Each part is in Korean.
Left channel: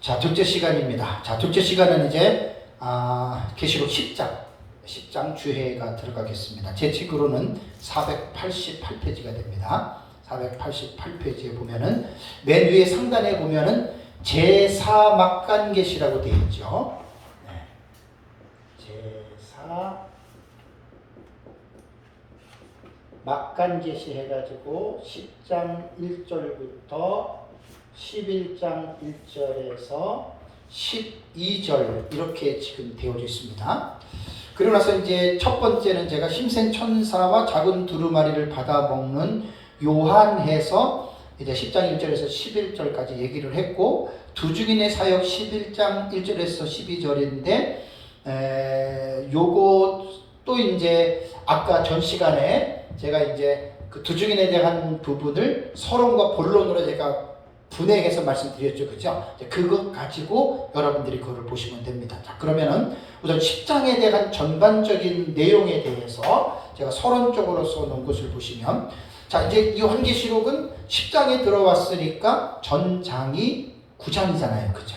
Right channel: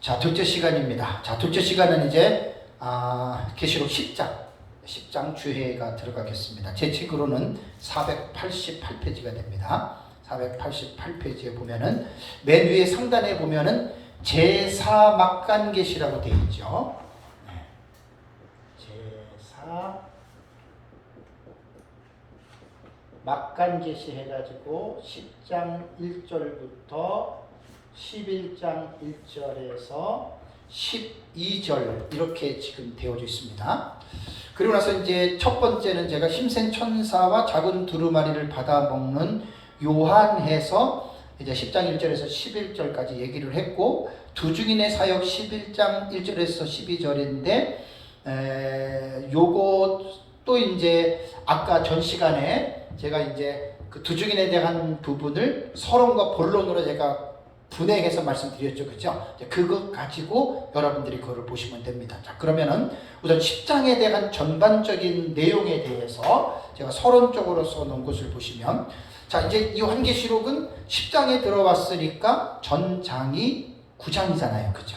자, 둘째 시간입니다. 자, 둘째 시간은 이제 계시록 10장 주해가 들어가겠습니다. 제 책으로는 488페이지가 됩니다. 488페이지에 보면은 맨 위에 상단에 보면은 제4막간계시라고 되어 있죠. 네. 제4막간계시 해가지고 10장 1절부터 11장 1절에서 12절 이렇게 지금 되어져 있습니다. 그리고 나서 이제 첫 번째는 제가 힘센 천사와 작은 두루마리를 받아먹는 요한해서 이제 10장 1절에서 11절까지 얘기를 했고, 두 증인의 사역 11장 1절에서 12절인데 요거 또 이제 아까 전 시간에 제가 이제 그 두 증인에 대한 부분을 서론과 본론으로 제가 분해해서 말씀드렸죠. 그죠? 그거 가지고 여러분들이 그거를 보시면 됩니다. 자, 그러면은 우선 10장에 대한 전반적인 내용에 대해서 제가 서론적으로 써놓은 것을 보시면, 자, 이제 이 요한계시록은 10장에 들어왔으니까 전장이 9장이잖아요. 그죠?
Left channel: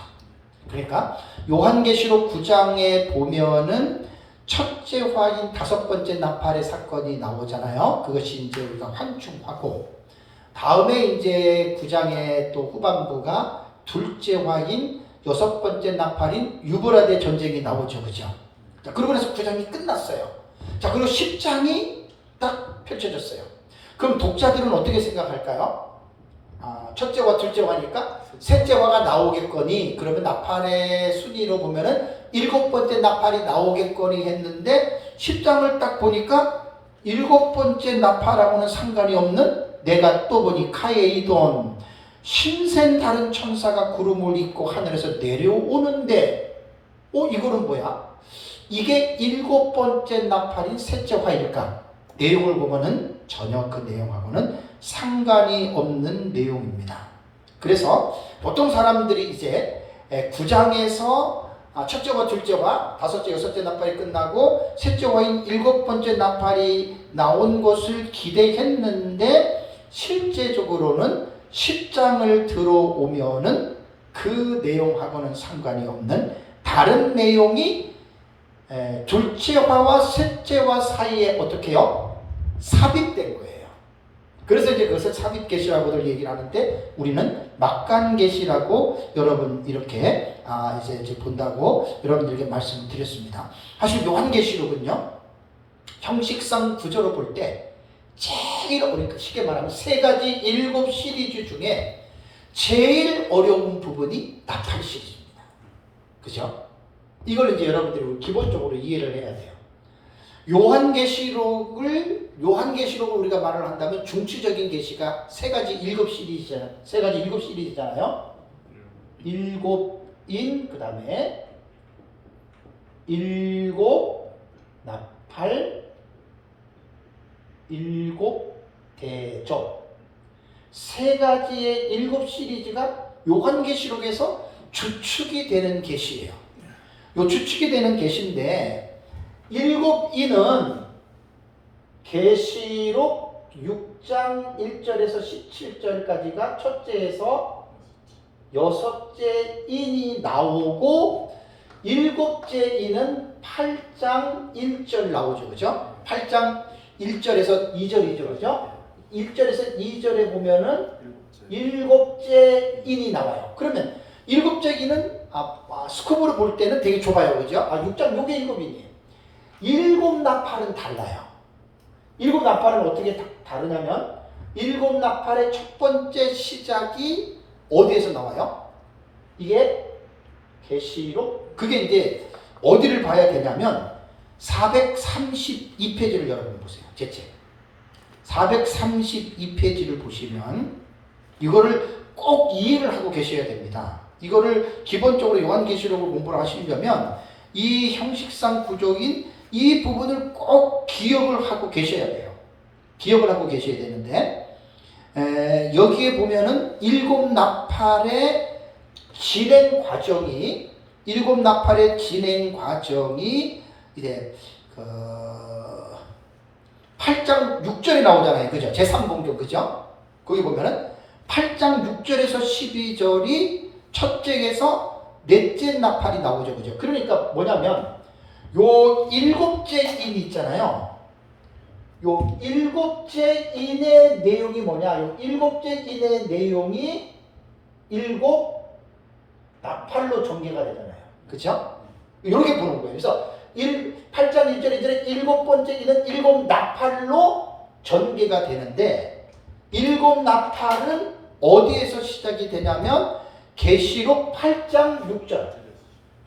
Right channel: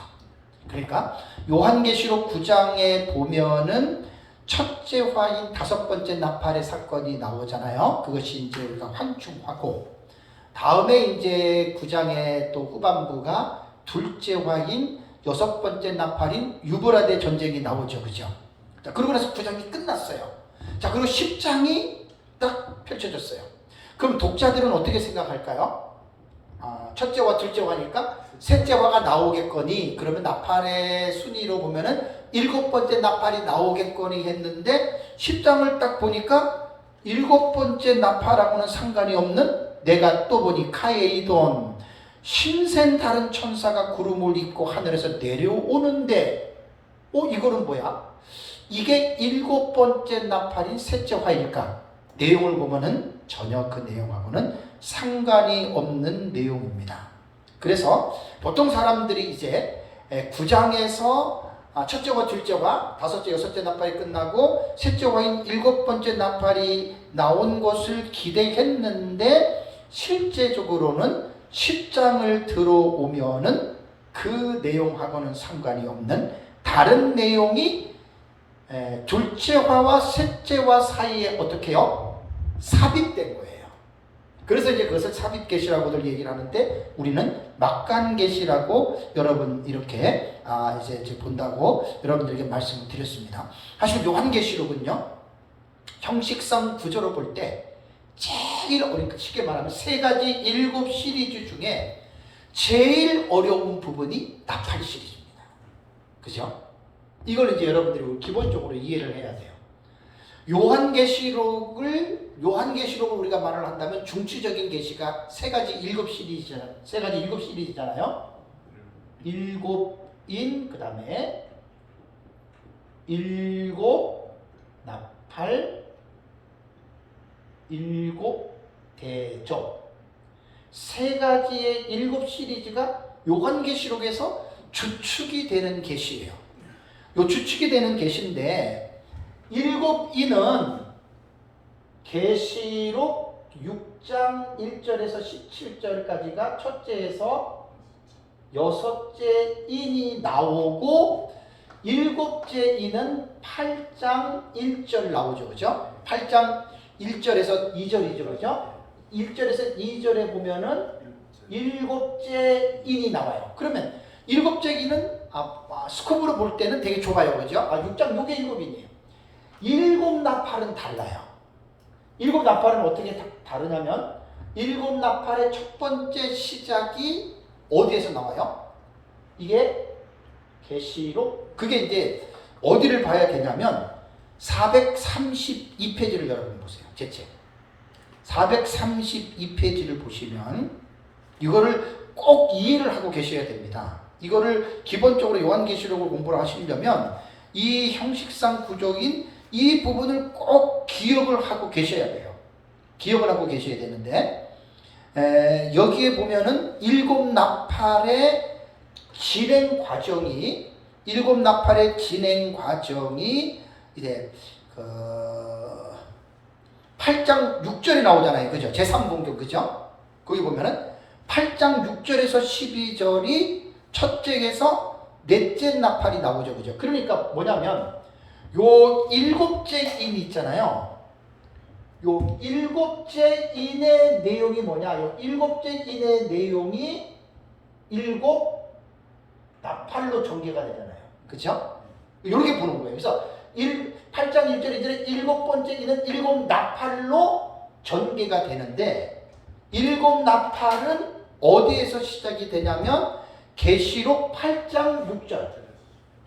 그러니까 요한계시록 9장에 보면은 첫째 화인 다섯 번째 나팔의 사건이 나오잖아요. 그것이 이제 우리가 환충하고, 다음에 이제 9장의 또 후반부가 둘째 화인 여섯 번째 나팔인 유브라데 전쟁이 나오죠. 그죠? 자, 그러고 나서 9장이 끝났어요. 자, 그리고 10장이 딱 펼쳐졌어요. 그럼 독자들은 어떻게 생각할까요? 첫째 화, 둘째 화니까 셋째 화가 나오겠거니, 그러면 나팔의 순위로 보면은 일곱 번째 나팔이 나오겠거니 했는데, 10장을 딱 보니까 일곱 번째 나팔하고는 상관이 없는, 내가 또 보니 카에이돈 신센 다른 천사가 구름을 입고 하늘에서 내려오는데, 이거는 뭐야? 이게 일곱 번째 나팔인 셋째 화일까? 내용을 보면은 전혀 그 내용하고는 상관이 없는 내용입니다. 그래서 보통 사람들이 이제 9장에서 첫째와 둘째와 다섯째, 여섯째 나팔이 끝나고 셋째 화인 일곱 번째 나팔이 나온 것을 기대했는데, 실제적으로는 10장을 들어오면은 그 내용하고는 상관이 없는 다른 내용이 둘째화와 셋째화 사이에 어떻게 해요? 삽입된 거예요. 그래서 이제 그것을 삽입계시라고들 얘기를 하는데, 우리는 막간계시라고 여러분 이렇게 이제 본다고 여러분들에게 말씀을 드렸습니다. 사실 요한계시록은요, 형식상 구조로 볼 때 제일 어려운, 쉽게 말하면 세 가지 일곱 시리즈 중에 제일 어려운 부분이 나팔 시리즈입니다. 그죠? 이걸 이제 여러분들이 기본적으로 이해를 해야 돼요. 요한계시록을 우리가 말을 한다면 중추적인 계시가 세 가지 일곱 시리즈잖아요. 일곱인, 그 다음에 일곱 나팔, 일곱 대접, 세 가지의 일곱 시리즈가 요한계시록에서 주축이 되는 계시예요. 요 주축이 되는 계시인데, 일곱 인은 계시록 6장 1절에서 17절까지가 첫째에서 여섯째 인이 나오고, 일곱째 인은 8장 1절 나오죠. 그죠? 8장 1절에서 2절이죠. 그죠? 1절에서 2절에 보면은 일곱째 인이 나와요. 그러면 일곱째 인은 스코프로 볼 때는 되게 좁아요. 그죠? 6장 요게 일곱인이에요. 일곱 나팔은 달라요. 일곱 나팔은 어떻게 다르냐면, 일곱 나팔의 첫 번째 시작이 어디에서 나와요? 이게 계시록, 그게 이제 어디를 봐야 되냐면 432페이지를 여러분 보세요. 제 책 432페이지를 보시면 이거를 꼭 이해를 하고 계셔야 됩니다. 이거를 기본적으로 요한계시록을 공부를 하시려면 이 형식상 구조인 이 부분을 꼭 기억을 하고 계셔야 돼요. 기억을 하고 계셔야 되는데, 여기에 보면은 일곱 나팔의 진행 과정이 이제 8장 6절에 나오잖아요. 그죠? 제3공격, 그죠? 거기 보면은 8장 6절에서 12절이 첫째에서 넷째 나팔이 나오죠. 그죠? 그러니까 뭐냐면 요 일곱째 인 있잖아요. 요 일곱째 인의 내용이 뭐냐? 요 일곱째 인의 내용이 일곱 나팔로 전개가 되잖아요. 그렇죠? 이렇게 보는 거예요. 그래서 8장 1절 2절에 일곱 번째 인은 일곱 나팔로 전개가 되는데 일곱 나팔은 어디에서 시작이 되냐면 계시록 8장 6절.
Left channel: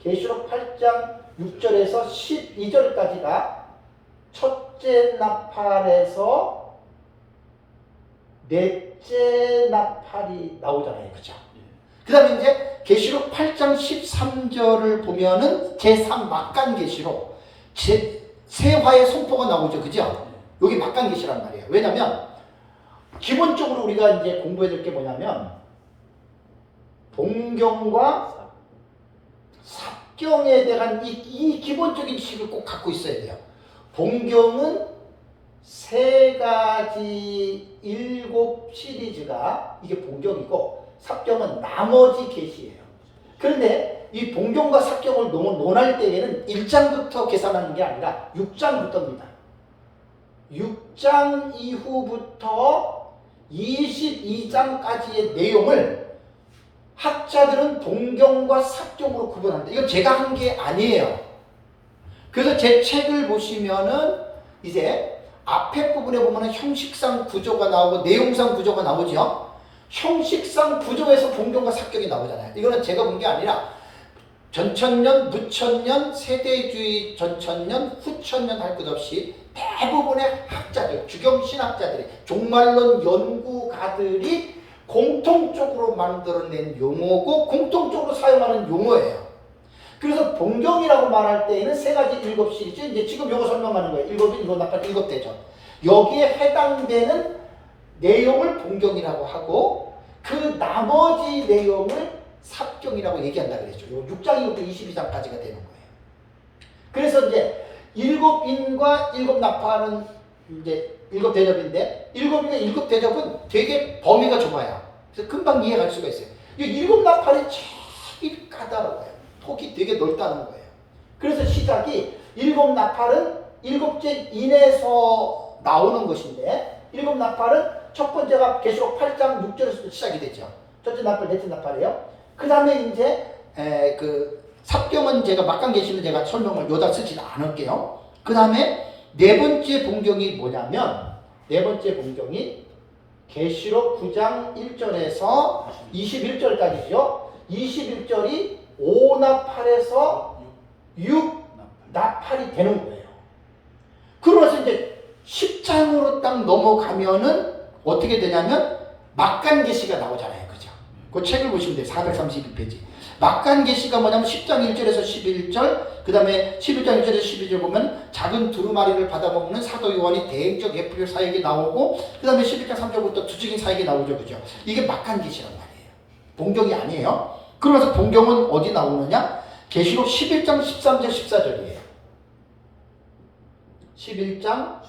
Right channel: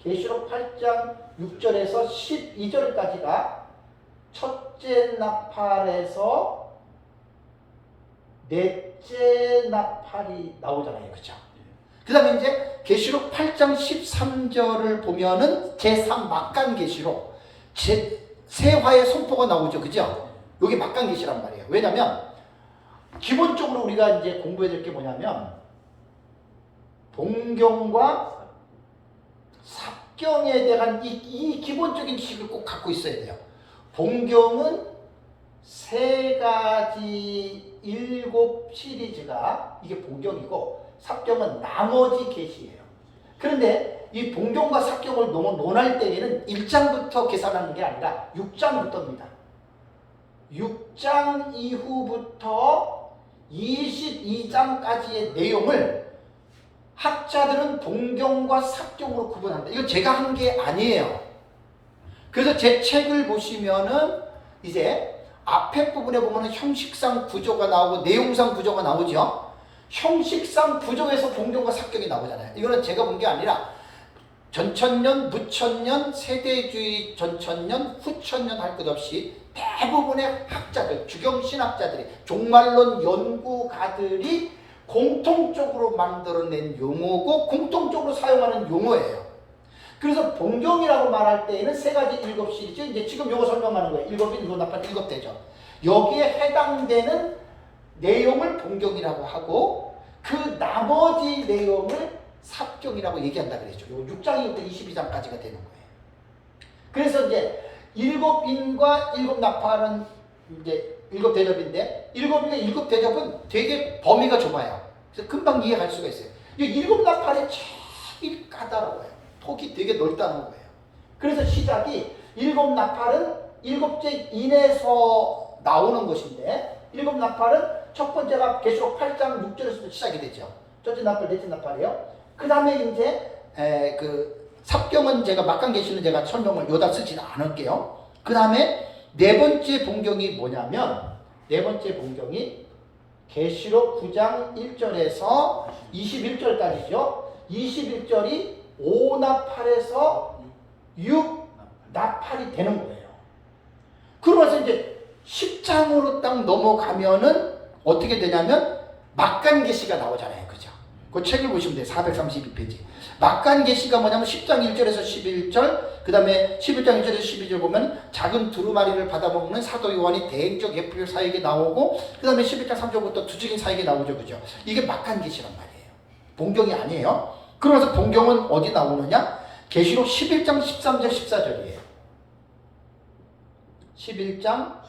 계시록 8장 6절에서 12절까지가 첫째 나팔에서 넷째 나팔이 나오잖아요. 그죠? 그 다음에 이제 계시록 8장 13절을 보면은 제3 막간 계시록 세화의 선포가 나오죠. 그죠? 여기 막간 계시란 말이에요. 왜냐면 기본적으로 우리가 이제 공부해야 될 게 뭐냐면 동경과 삽경에 대한 이 기본적인 지식을 꼭 갖고 있어야 돼요. 본경은 세 가지 7 시리즈가 이게 본경이고 삽경은 나머지 계시예요. 그런데 이 본경과 삽경을 논할 때에는 1장부터 계산하는 게 아니라 6장부터입니다. 6장 이후부터 22장까지의 내용을 학자들은 본경과 삽경으로 구분합니다. 이거 제가 한 게 아니에요. 그래서 제 책을 보시면은 이제 앞에 부분에 보면은 형식상 구조가 나오고 내용상 구조가 나오죠. 형식상 구조에서 본경과 삽경이 나오잖아요. 이거는 제가 본 게 아니라 전천년, 무천년, 세대주의 전천년, 후천년 할 것 없이 대부분의 학자들, 주경신학자들이, 종말론 연구가들이 공통적으로 만들어낸 용어고 공통적으로 사용하는 용어예요. 그래서 본경이라고 말할 때에는 세 가지 7 시리즈, 이제 지금 요거 설명하는 거예요. 7이 이거 나팔 7대죠. 여기에 해당되는 내용을 본경이라고 하고 그 나머지 내용을 삽경이라고 얘기한다 그랬죠. 요 6장이부터 22장까지가 되는 거예요. 그래서 이제 7인과 7 나팔은 이제 7 대접인데 7인과 7 대접은 되게 범위가 좁아요. 그래서 금방 이해할 수가 있어요. 이 7 나팔이 참 까다로워요. 폭이 되게 넓다는 거예요. 그래서 시작이 7 나팔은 7째 인에서 나오는 것인데 7 나팔은 첫 번째가 계시록 8장 6절에서 시작이 되죠. 첫째 나팔, 넷째 나팔이에요. 그 다음에 이제 그 삽경은 제가 막간 계시는 제가 설명을 요다 쓰지 않을게요. 그 다음에 네 번째 본경이 뭐냐면 네 번째 본경이 계시록 9장 1절에서 21절까지죠. 21절이 5나팔에서 6나팔이 되는 거예요. 그러면서 이제 10장으로 딱 넘어가면은 어떻게 되냐면 막간 계시가 나오잖아요. 그죠? 그 책을 보시면 돼요. 432페이지. 막간 계시가 뭐냐면 10장 1절에서 11절, 그 다음에 11장 1절에서 12절 보면 작은 두루마리를 받아먹는 사도 요한이 대행적 예프릴 사역에 나오고, 그 다음에 11장 3절부터 두증인 사역에 나오죠. 그죠? 이게 막간 계시란 말이에요. 본경이 아니에요. 그러면서 본경은 어디 나오느냐? 계시록 11장 13절 14절이에요. 11장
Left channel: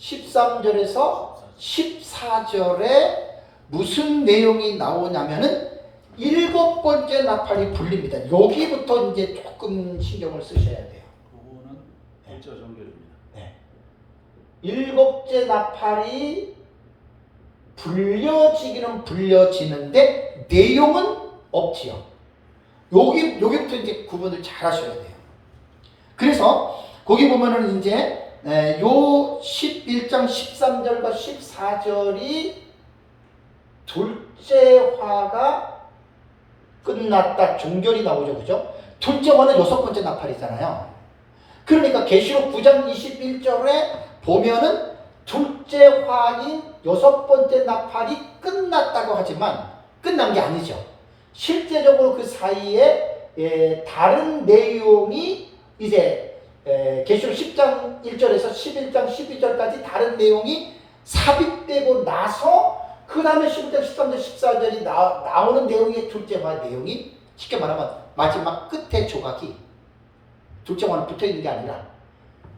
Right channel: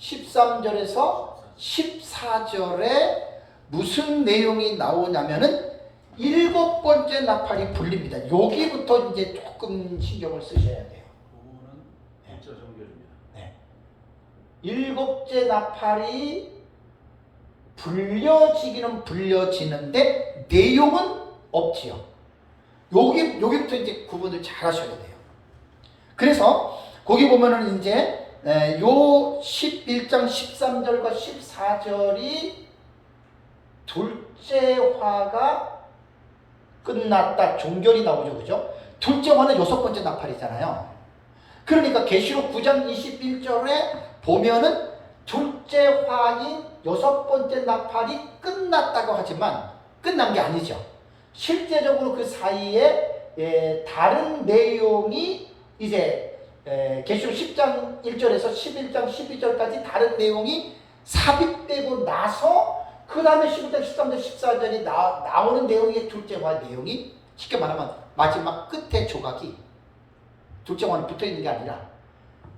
13절에서 14절에 무슨 내용이 나오냐면은 7번째 나팔이 불립니다. 여기부터 이제 조금 신경을 쓰셔야 돼요. 그거는 1절 정결입니다. 네. 7째 나팔이 불려지기는 불려지는데 내용은 없지요. 여기부터 이제 구분을 잘 하셔야 돼요. 그래서 거기 보면은 이제 요 11장 13절과 14절이 둘째 화가 끝났다 종결이 나오죠. 그죠? 둘째 화는 6번째 나팔이잖아요. 그러니까 계시록 9장 21절에 보면은 둘째 화인 6번째 나팔이 끝났다고 하지만 끝난 게 아니죠. 실제적으로 그 사이에 다른 내용이 이제 계시록 10장 1절에서 11장 12절까지 다른 내용이 삽입되고 나서 그 다음에 11장 13절 14절이 나오는 내용이 둘째 화 내용이 쉽게 말하면 마지막 끝에 조각이 둘째 화는 붙어있는 게 아니라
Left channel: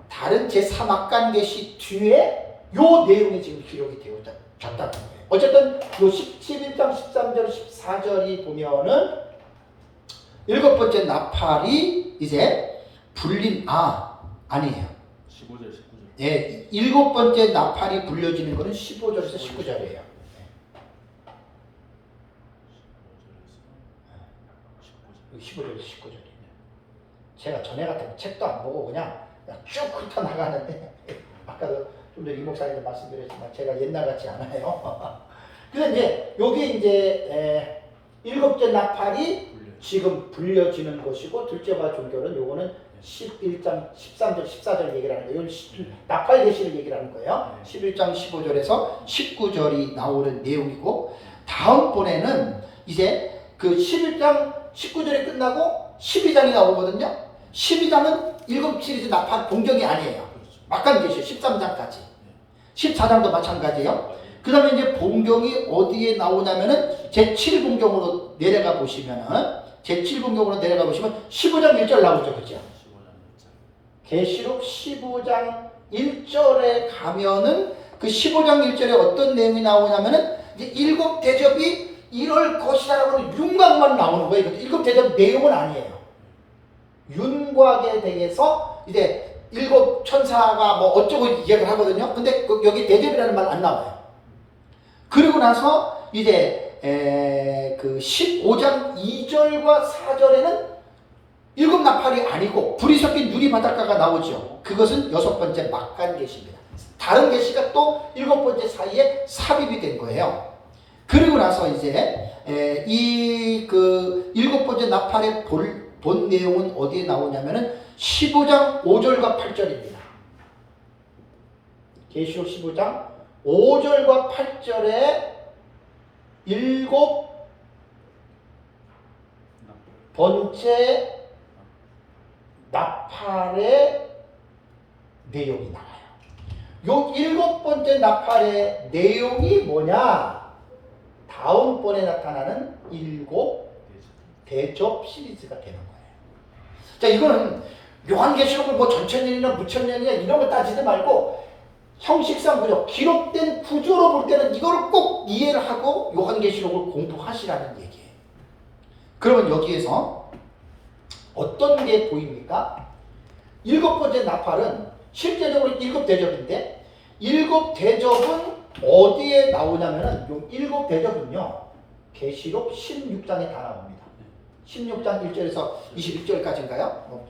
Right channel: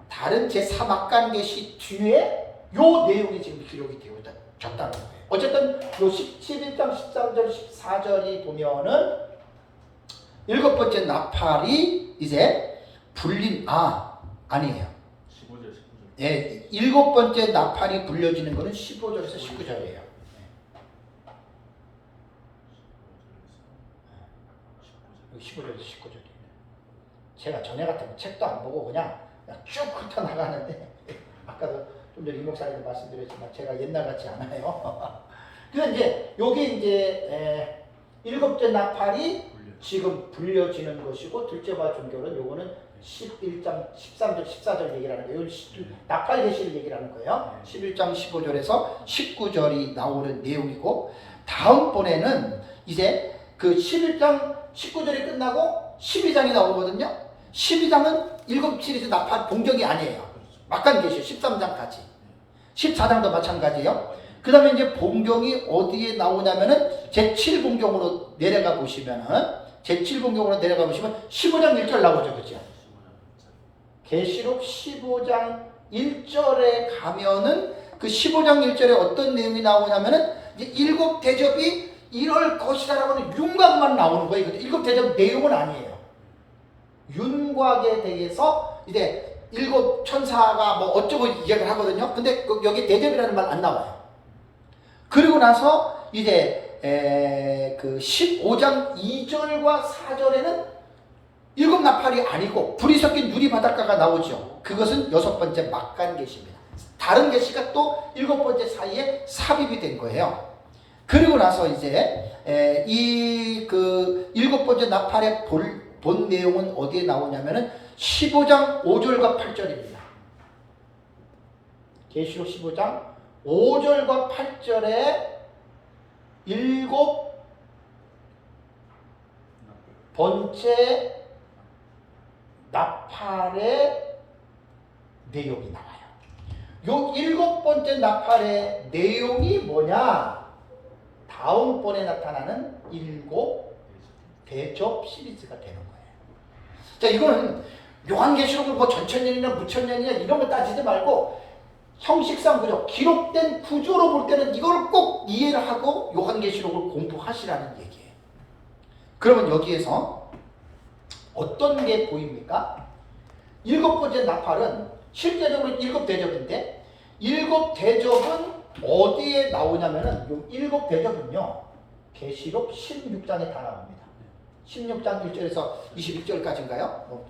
다른 제3악간 계시 뒤에 요 내용이 지금 기록이 되어졌다는 거예요. 어쨌든 요 11장 13절 14절이 보면은 일곱 번째 나팔이 이제 불린 아니에요. 15절 19절. 예, 일곱 번째 나팔이 불려지는 것은 15절에서 19절이에요. 15절에서 19절이에요. 제가 전에 같은 책도 안 보고 그냥 쭉 훑어나가는데 아까도 좀 전에 이 목사님도 말씀드렸지만 제가 옛날 같지 않아요. 그래서 이제 여기 이제 일곱째 나팔이 지금 불려지는 것이고 둘째 바 종교는 요거는 11장 13절 14절 얘기를 하는 거예요. 나팔 계시를 얘기를 하는 거예요. 11장 15절에서 19절이 나오는 내용이고 다음번에는 이제 그 11장 19절이 끝나고 12장이 나오거든요. 12장은 일곱 시리즈 나팔 동경이 아니에요. 막간 계시 13장까지. 14장도 마찬가지예요. 그 다음에 이제 본경이 어디에 나오냐면은 제7본경으로 내려가 보시면은 제7본경으로 내려가 보시면 15장 1절 나오죠. 그죠? 계시록 15장 1절에 가면은 그 15장 1절에 어떤 내용이 나오냐면은 이제 일곱 대접이 이럴 것이라고는 윤곽만 나오는 거예요. 일곱 대접 내용은 아니에요. 윤곽에 대해서 이제 일곱 천사가 뭐 어쩌고 얘기를 하거든요. 근데 여기 대접이라는 말 안 나와요. 그리고 나서 이제 그 15장 2절과 4절에는 일곱 나팔이 아니고 불이 섞인 유리 바닷가가 나오죠. 그것은 여섯 번째 막간 계시입니다. 다른 계시가 또 일곱 번째 사이에 삽입이 된 거예요. 그리고 나서 이제 이 그 일곱 번째 나팔의 본 내용은 어디에 나오냐면은 15장 5절과 8절입니다. 계시록 15장 5절과 8절에 일곱 번째 나팔의 내용이 나와요. 요 일곱 번째 나팔의 내용이 뭐냐? 다음번에 나타나는 일곱 대접 시리즈가 되는 거예요. 자, 이거는 요한계시록을 뭐 전천년이나 무천년이나 이런 거 따지지 말고 형식상 구조, 기록된 구조로 볼 때는 이거를 꼭 이해를 하고 요한계시록을 공부하시라는 얘기예요. 그러면 여기에서 어떤 게 보입니까? 일곱 번째 나팔은 실제적으로 일곱 대접인데 일곱 대접은 어디에 나오냐면은 요 일곱 대접은요 계시록 16장에 다 나옵니다. 16장 1절에서 21절까지인가요?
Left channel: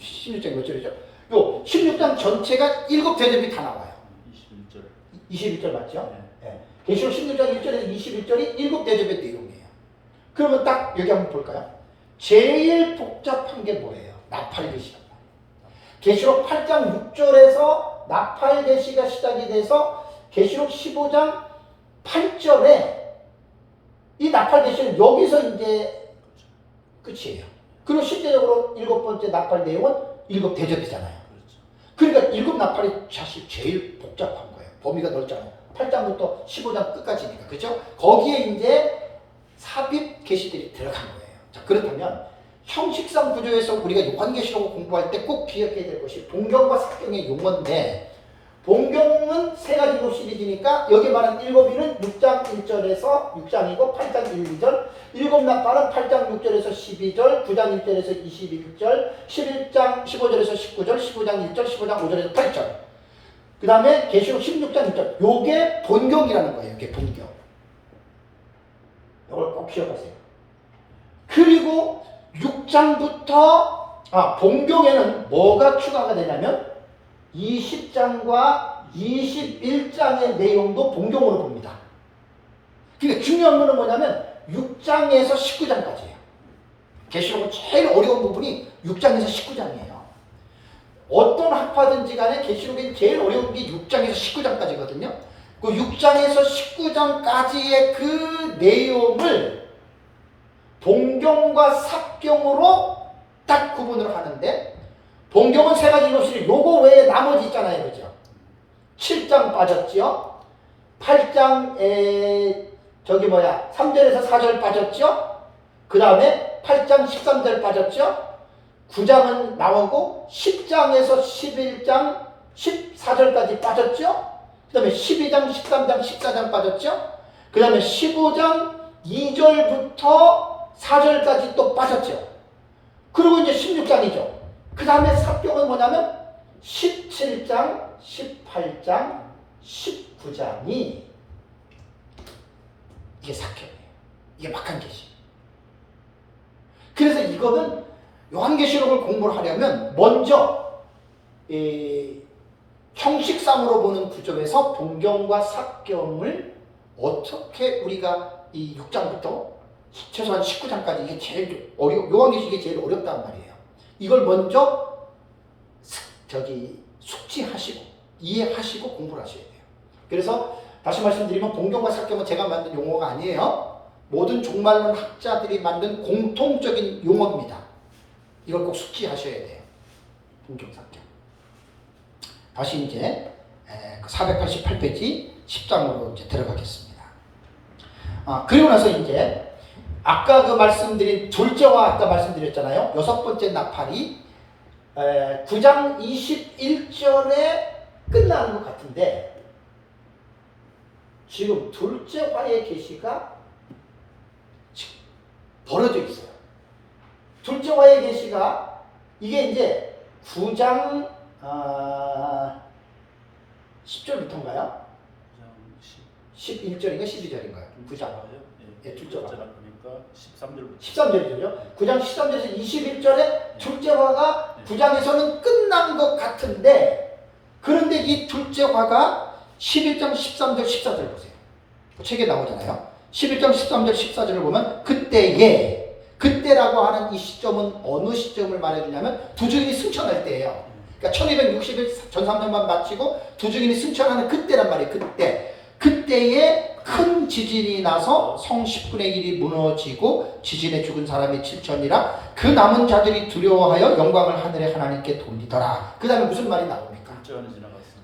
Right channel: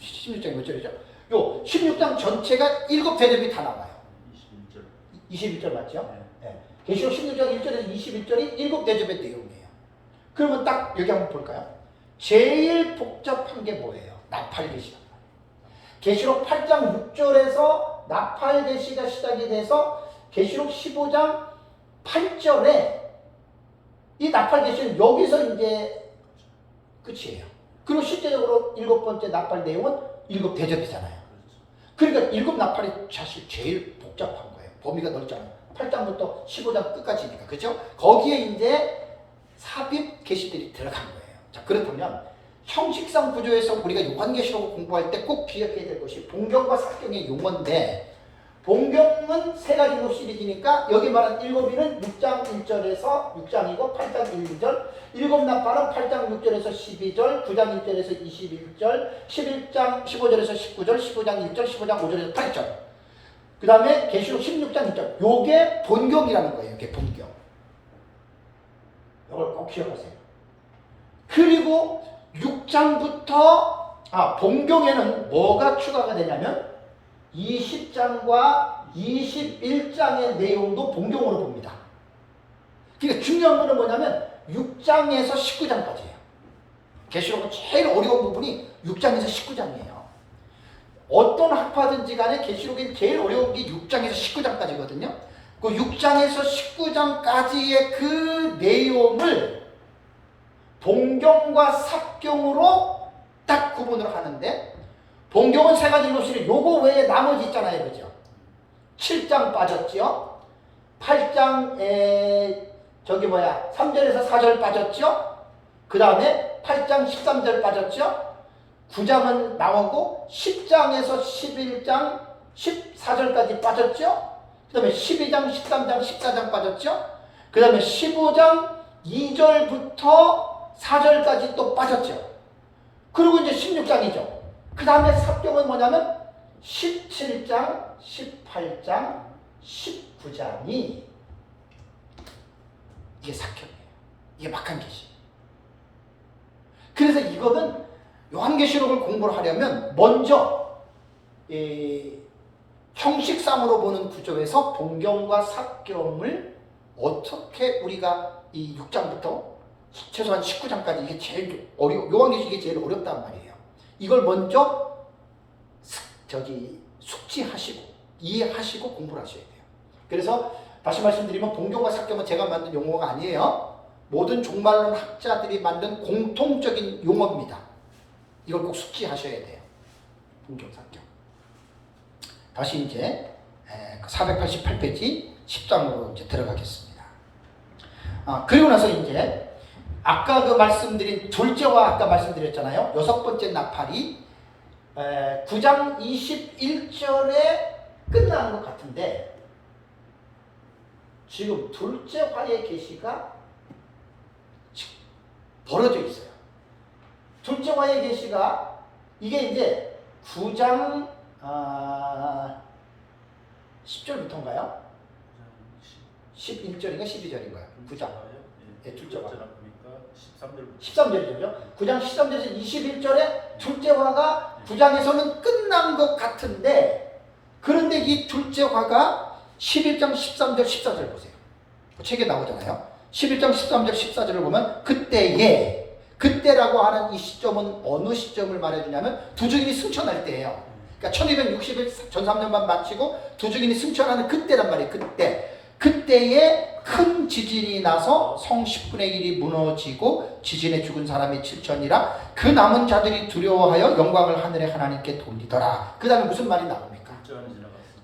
16장 몇 절이죠? 요 16장 전체가 일곱 대접이 다 나와요. 21절 맞죠? 네. 계시록 16장 1절에서 21절이 일곱 대접의 내용이에요. 그러면 딱 여기 한번 볼까요? 제일 복잡한 게 뭐예요? 나팔 계시가. 계시록 8장 6절에서 나팔 계시가 시작이 돼서 계시록 15장 8절에 이 나팔 계시는 여기서 이제 끝이에요. 그리고 실제적으로 일곱 번째 나팔 내용은 일곱 대접이잖아요. 그러니까 일곱 나팔이 사실 제일 복잡한 거예요. 범위가 넓잖아요. 8장부터 15장 끝까지니까. 그죠? 거기에 이제 삽입 계시들이 들어간 거예요. 자, 그렇다면 형식상 구조에서 우리가 요한계시록을 공부할 때 꼭 기억해야 될 것이 본경과 사경의 용어인데 본경은 세 가지로 시리즈니까 여기 말한 일곱이는 6장 1절에서 6장이고 8장 1, 2절 일곱 나팔은 8장 6절에서 12절 9장 1절에서 21절 11장 15절에서 19절 15장 1절 15장 5절에서 8절 그 다음에 계시록 16장 1절 요게 본경이라는 거예요. 이게 본경. 이걸 꼭 기억하세요. 그리고 6장부터 본경에는 뭐가 추가가 되냐면 20장과 21장의 내용도 본경으로 봅니다. 그러니까 중요한 거는 뭐냐면 6장에서 19장까지예요. 계시록은 제일 어려운 부분이 6장에서 19장이에요. 어떤 학파든지 간에 계시록이 제일 어려운 게 6장에서 19장까지거든요. 그 6장에서 19장까지의 그 내용을 본경과 삭경으로 딱 구분을 하는데 본경은 세 가지 것이 요거 외에 나머지 있잖아요. 그죠? 7장 빠졌죠? 8장에 3절에서 4절 빠졌죠? 그 다음에 8장 13절 빠졌죠? 9장은 나오고 10장에서 11장 14절까지 빠졌죠? 그 다음에 12장, 13장, 14장 빠졌죠? 그 다음에 15장 2절부터 4절까지 또 빠졌죠? 그리고 이제 16장이죠. 그 다음에 사병은 뭐냐면 17장, 18장, 19장이 이게 사병이에요. 이게 막한 계시. 그래서 이거는 요한계시록을 공부를 하려면 먼저 형식상으로 보는 구조에서 동경과 사경을 어떻게 우리가 이 6장부터 최소한 19장까지 이게 제일 요한계시록이 제일 어렵단 말이에요. 이걸 먼저 숙지하시고 이해하시고 공부를 하셔야 돼요. 그래서 다시 말씀드리면 동경과 사경은 제가 만든 용어가 아니에요. 모든 종말론 학자들이 만든 공통적인 용어입니다. 이걸 꼭 숙지하셔야 돼요. 동경, 사경. 다시 이제 488페이지 10장으로 이제 들어가겠습니다. 그리고 나서 이제 아까 그 말씀드린 둘째와 아까 말씀드렸잖아요. 여섯 번째 나팔이 9장 21절에 끝나는 것 같은데 지금 둘째 화의 계시가 벌어져 있어요. 둘째 화의 계시가 이게 이제 9장 10절부터인가요? 11절인가 12절인가요? 9장. 네, 둘째 화. 그러니까 13절부터 13절이죠. 9장 13절에서 21절에 둘째 화가 9장에서는 끝난 것 같은데 그런데 이 둘째 화가 11장 13절 14절 보세요. 그 책에 나오잖아요. 11장 13절 14절을 보면 그때라고 하는 이 시점은 어느 시점을 말해주냐면 두 증인이 승천할 때예요. 그러니까 1260일 전삼년만 마치고 두 증인이 승천하는 그때란 말이에요. 그때에 큰 지진이 나서 성 10분의 1이 무너지고 지진에 죽은 사람이 7천이라 그 남은 자들이 두려워하여 영광을 하늘의 하나님께 돌리더라. 그 다음에 무슨 말이 나옵니까?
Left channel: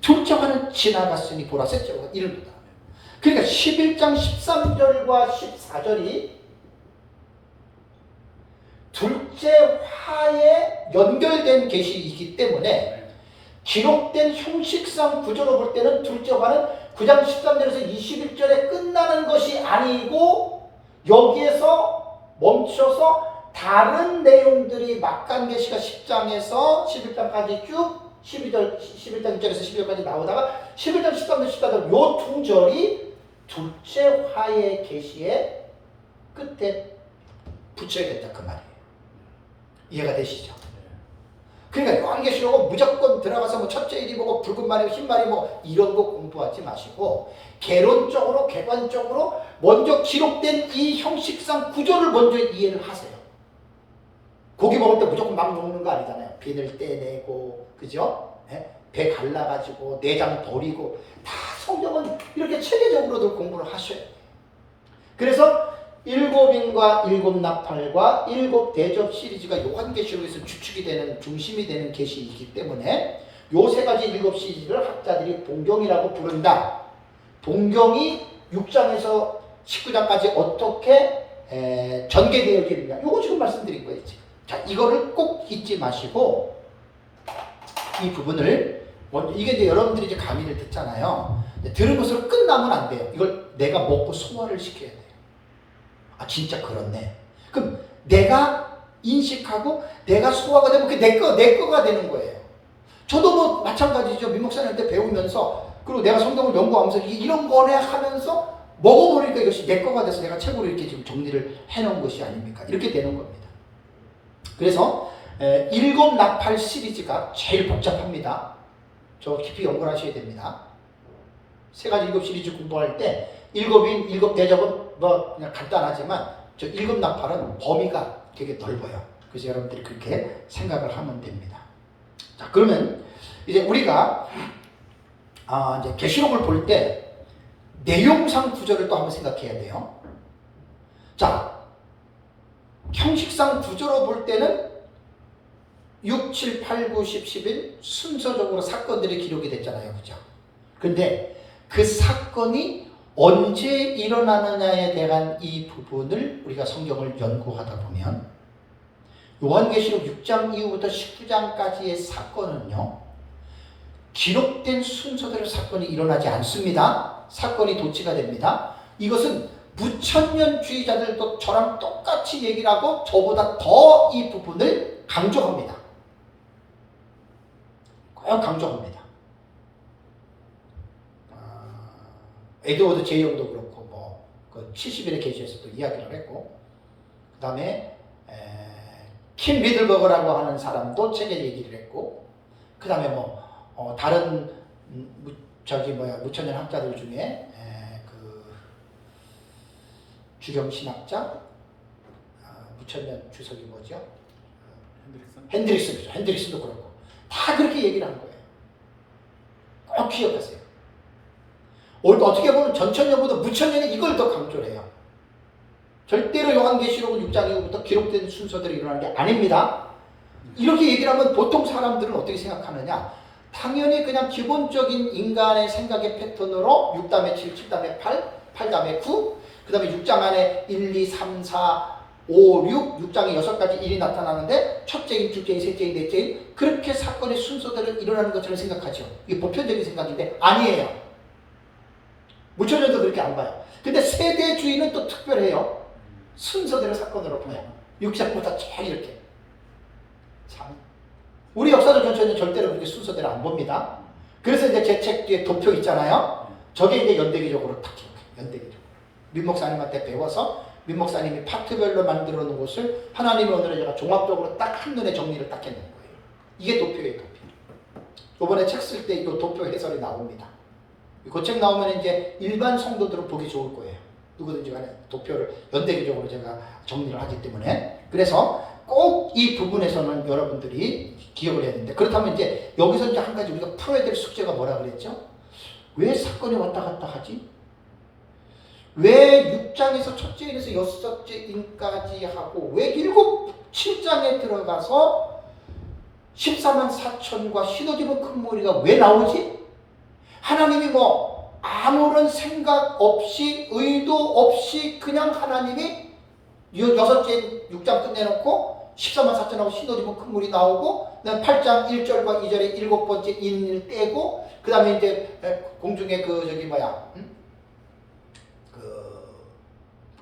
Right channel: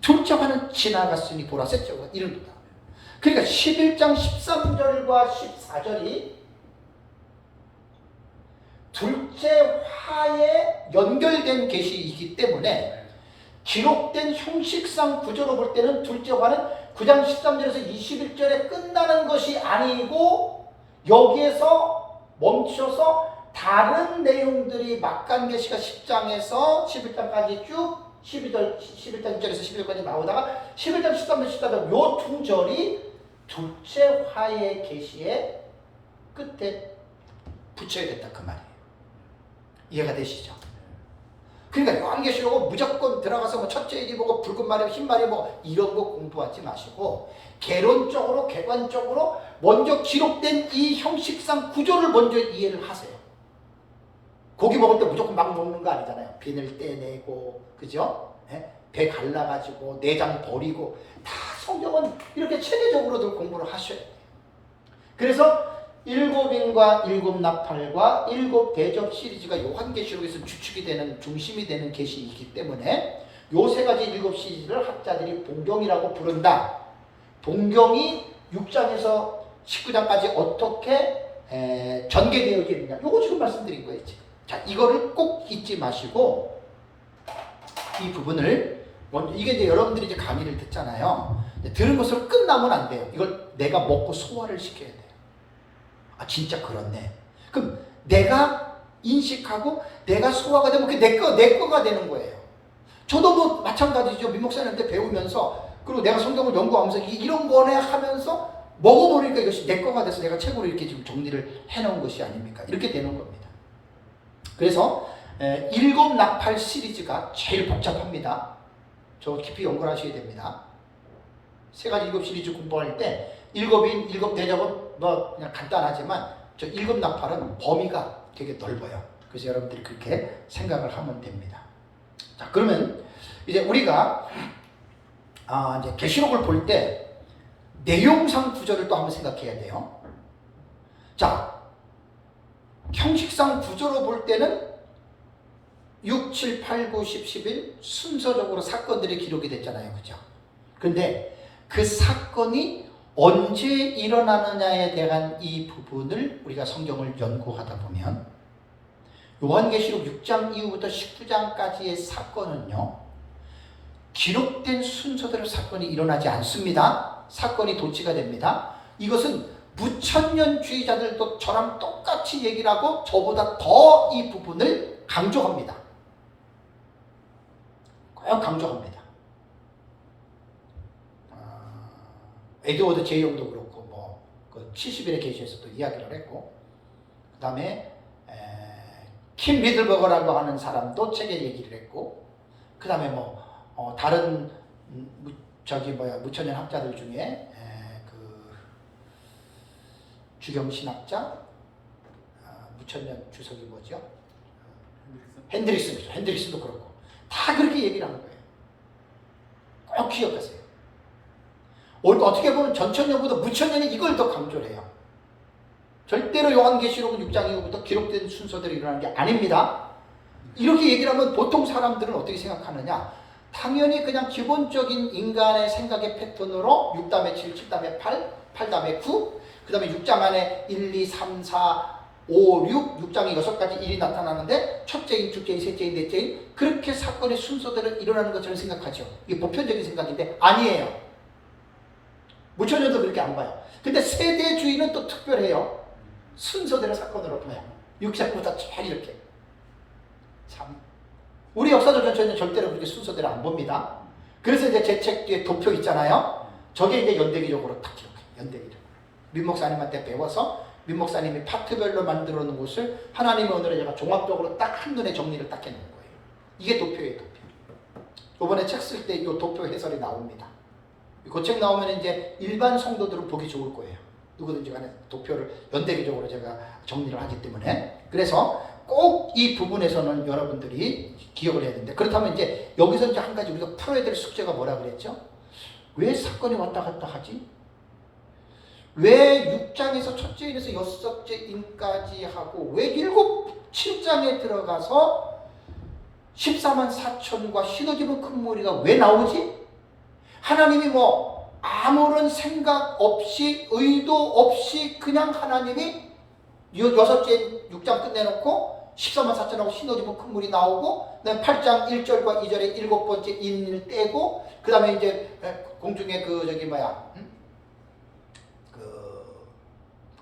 둘째 화는 지나갔으니 보라. 셋째 화가 이릅니다. 그러니까 11장 13절과 14절이 둘째 화에 연결된 계시이기 때문에 기록된 형식상 구조로 볼 때는 둘째 화는 9장 13절에서 21절에 끝나는 것이 아니고 여기에서 멈춰서 다른 내용들이 막간 계시가 10장에서 11장까지 쭉 11장 2절에서 11절까지 나오다가 11장 13절 14절 요 두 절이 둘째 화의 계시의 끝에 붙여야겠다 그 말이에요. 이해가 되시죠? 그러니까 요한계시록은 무조건 들어가서 뭐 첫째 일이 보고 붉은 말이 흰 말이 뭐 이런 거 공부하지 마시고 개론적으로 객관적으로 먼저 기록된 이 형식상 구조를 먼저 이해를 하세요. 고기 먹을 때 무조건 막 먹는 거 아니잖아요. 비늘 떼내고 그죠? 배 갈라가지고 내장 버리고 다 성경은 이렇게 체계적으로들 공부를 하셔야 돼요. 그래서 일곱인과 일곱 나팔과 일곱 대접 시리즈가 요한계시록에서 주축이 되는 중심이 되는 계시이기 때문에 요 세 가지 일곱 시리즈를 학자들이 동경이라고 부른다. 동경이 6장에서 19장까지 어떻게 전개되어 있느냐. 요거 지금 말씀드린 거예요. 자, 이거를 꼭 잊지 마시고 이 부분을 먼저 이게 이제 여러분들이 이제 강의를 듣잖아요. 들으면서 끝나면 안 돼요. 이걸 내가 먹고 소화를 시켜야 돼요. 아 진짜 그렇네. 그럼 내가 인식하고 내가 소화가 되면 그게 내 거가 되는 거예요. 저도 뭐 마찬가지죠. 민목사님한테 배우면서 그리고 내가 성경을 연구하면서 이런 거네 하면서 먹어버리니까 이것이 내 거가 돼서 내가 책으로 이렇게 지금 정리를 해놓은 것이 아닙니까? 이렇게 되는 겁니다. 그래서 일곱 나팔 시리즈가 제일 복잡합니다. 저 깊이 연구를 하셔야 됩니다. 세 가지 일곱 시리즈 공부할 때 일곱인, 일곱 대접은 뭐 그냥 간단하지만 저 일곱 나팔은 범위가 되게 넓어요. 그래서 여러분들이 그렇게 생각을 하면 됩니다. 자, 그러면 이제 우리가 이제 계시록을 볼 때 내용상 구조를 또 한번 생각해야 돼요. 자, 형식상 구조로 볼 때는 6, 7, 8, 9, 10, 11 순서적으로 사건들이 기록이 됐잖아요. 그죠? 그런데 그 사건이 언제 일어나느냐에 대한 이 부분을 우리가 성경을 연구하다 보면 요한계시록 6장 이후부터 19장까지의 사건은요, 기록된 순서대로 사건이 일어나지 않습니다. 사건이 도치가 됩니다. 이것은 무천년주의자들도 저랑 똑같이 얘기를 하고 저보다 더 이 부분을 강조합니다. 꼭 강조합니다. 에드워드 제이용도 그렇고 그 70일의 계시에서도 이야기를 했고, 그 다음에 킴 리들버거라고 하는 사람도 책에 얘기를 했고, 그 다음에 다른 무천년 학자들 중에 그 주경 신학자 무천년 주석이 뭐죠? 핸드릭슨도 그렇고 다 그렇게 얘기를 하는 거예요. 꼭 기억하세요. 어떻게 보면 전천년보다 무천년이 이걸 더 강조를 해요. 절대로 요한계시록은 6장 이후부터 기록된 순서대로 일어나는 게 아닙니다. 이렇게 얘기를 하면 보통 사람들은 어떻게 생각하느냐? 당연히 그냥 기본적인 인간의 생각의 패턴으로 6 다음에 7, 7 다음에 8, 8 다음에 9, 그 다음에 6장 안에 1, 2, 3, 4, 5, 6, 6장에 6가지 일이 나타나는데 첫째인, 둘째인, 셋째인, 넷째인 그렇게 사건의 순서대로 일어나는 것처럼 생각하죠. 이게 보편적인 생각인데 아니에요. 무천년도 그렇게 안 봐요. 근데 세대주의는 또 특별해요. 순서대로 사건으로 봐요. 6장보다 쭉 이렇게. 참. 우리 역사적 전체는 절대로 그렇게 순서대로 안 봅니다. 그래서 이제 제 책 뒤에 도표 있잖아요. 저게 이제 연대기적으로 딱 기록해요. 연대기적으로. 민목사님한테 배워서 민목사님이 파트별로 만들어 놓은 것을 하나님의 은혜로 제가 종합적으로 딱 한눈에 정리를 딱 해놓은 거예요. 이게 도표예요, 도표. 이번에 책 쓸 때 이 도표 해설이 나옵니다. 그 책 나오면 이제 일반 성도들은 보기 좋을 거예요. 누구든지 간에 도표를 연대기적으로 제가 정리를 하기 때문에. 그래서 꼭 이 부분에서는 여러분들이 기억을 해야 되는데, 그렇다면 이제 여기서 이제 한 가지 우리가 풀어야 될 숙제가 뭐라 그랬죠? 왜 사건이 왔다 갔다 하지? 왜 6장에서 첫째 인에서 6째 인까지 하고 왜 7장에 들어가서 14만 4천과 신어집은 큰 무리가 왜 나오지? 하나님이 아무런 생각 없이 의도 없이 그냥 하나님이 6째 6장 끝내놓고 14만 4천하고 신어집은 큰 물이 나오고 그다음 8장 1절과 2절에 7번째 인을 떼고 그 다음에 이제 공중에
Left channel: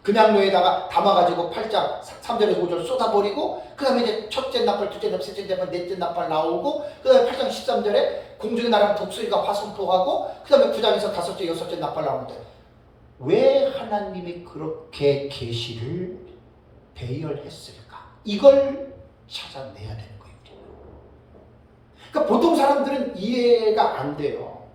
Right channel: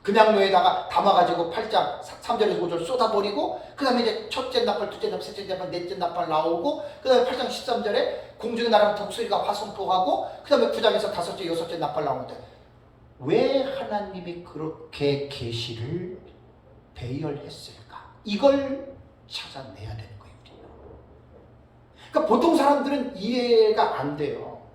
금양로에다가 담아가지고 8장 3절에서 5절 쏟아버리고 그 다음에 이제 첫째 나팔, 둘째 나팔, 셋째 나팔, 넷째 나팔 나오고 그 다음에 8장 13절에 공중에 날아가는 독수리가 화성포하고 그 다음에 9장에서 다섯째, 여섯째 나팔 나오는데 왜 하나님이 그렇게 계시를 배열했을까? 이걸 찾아내야 되는 거예요. 그러니까 보통 사람들은 이해가 안 돼요.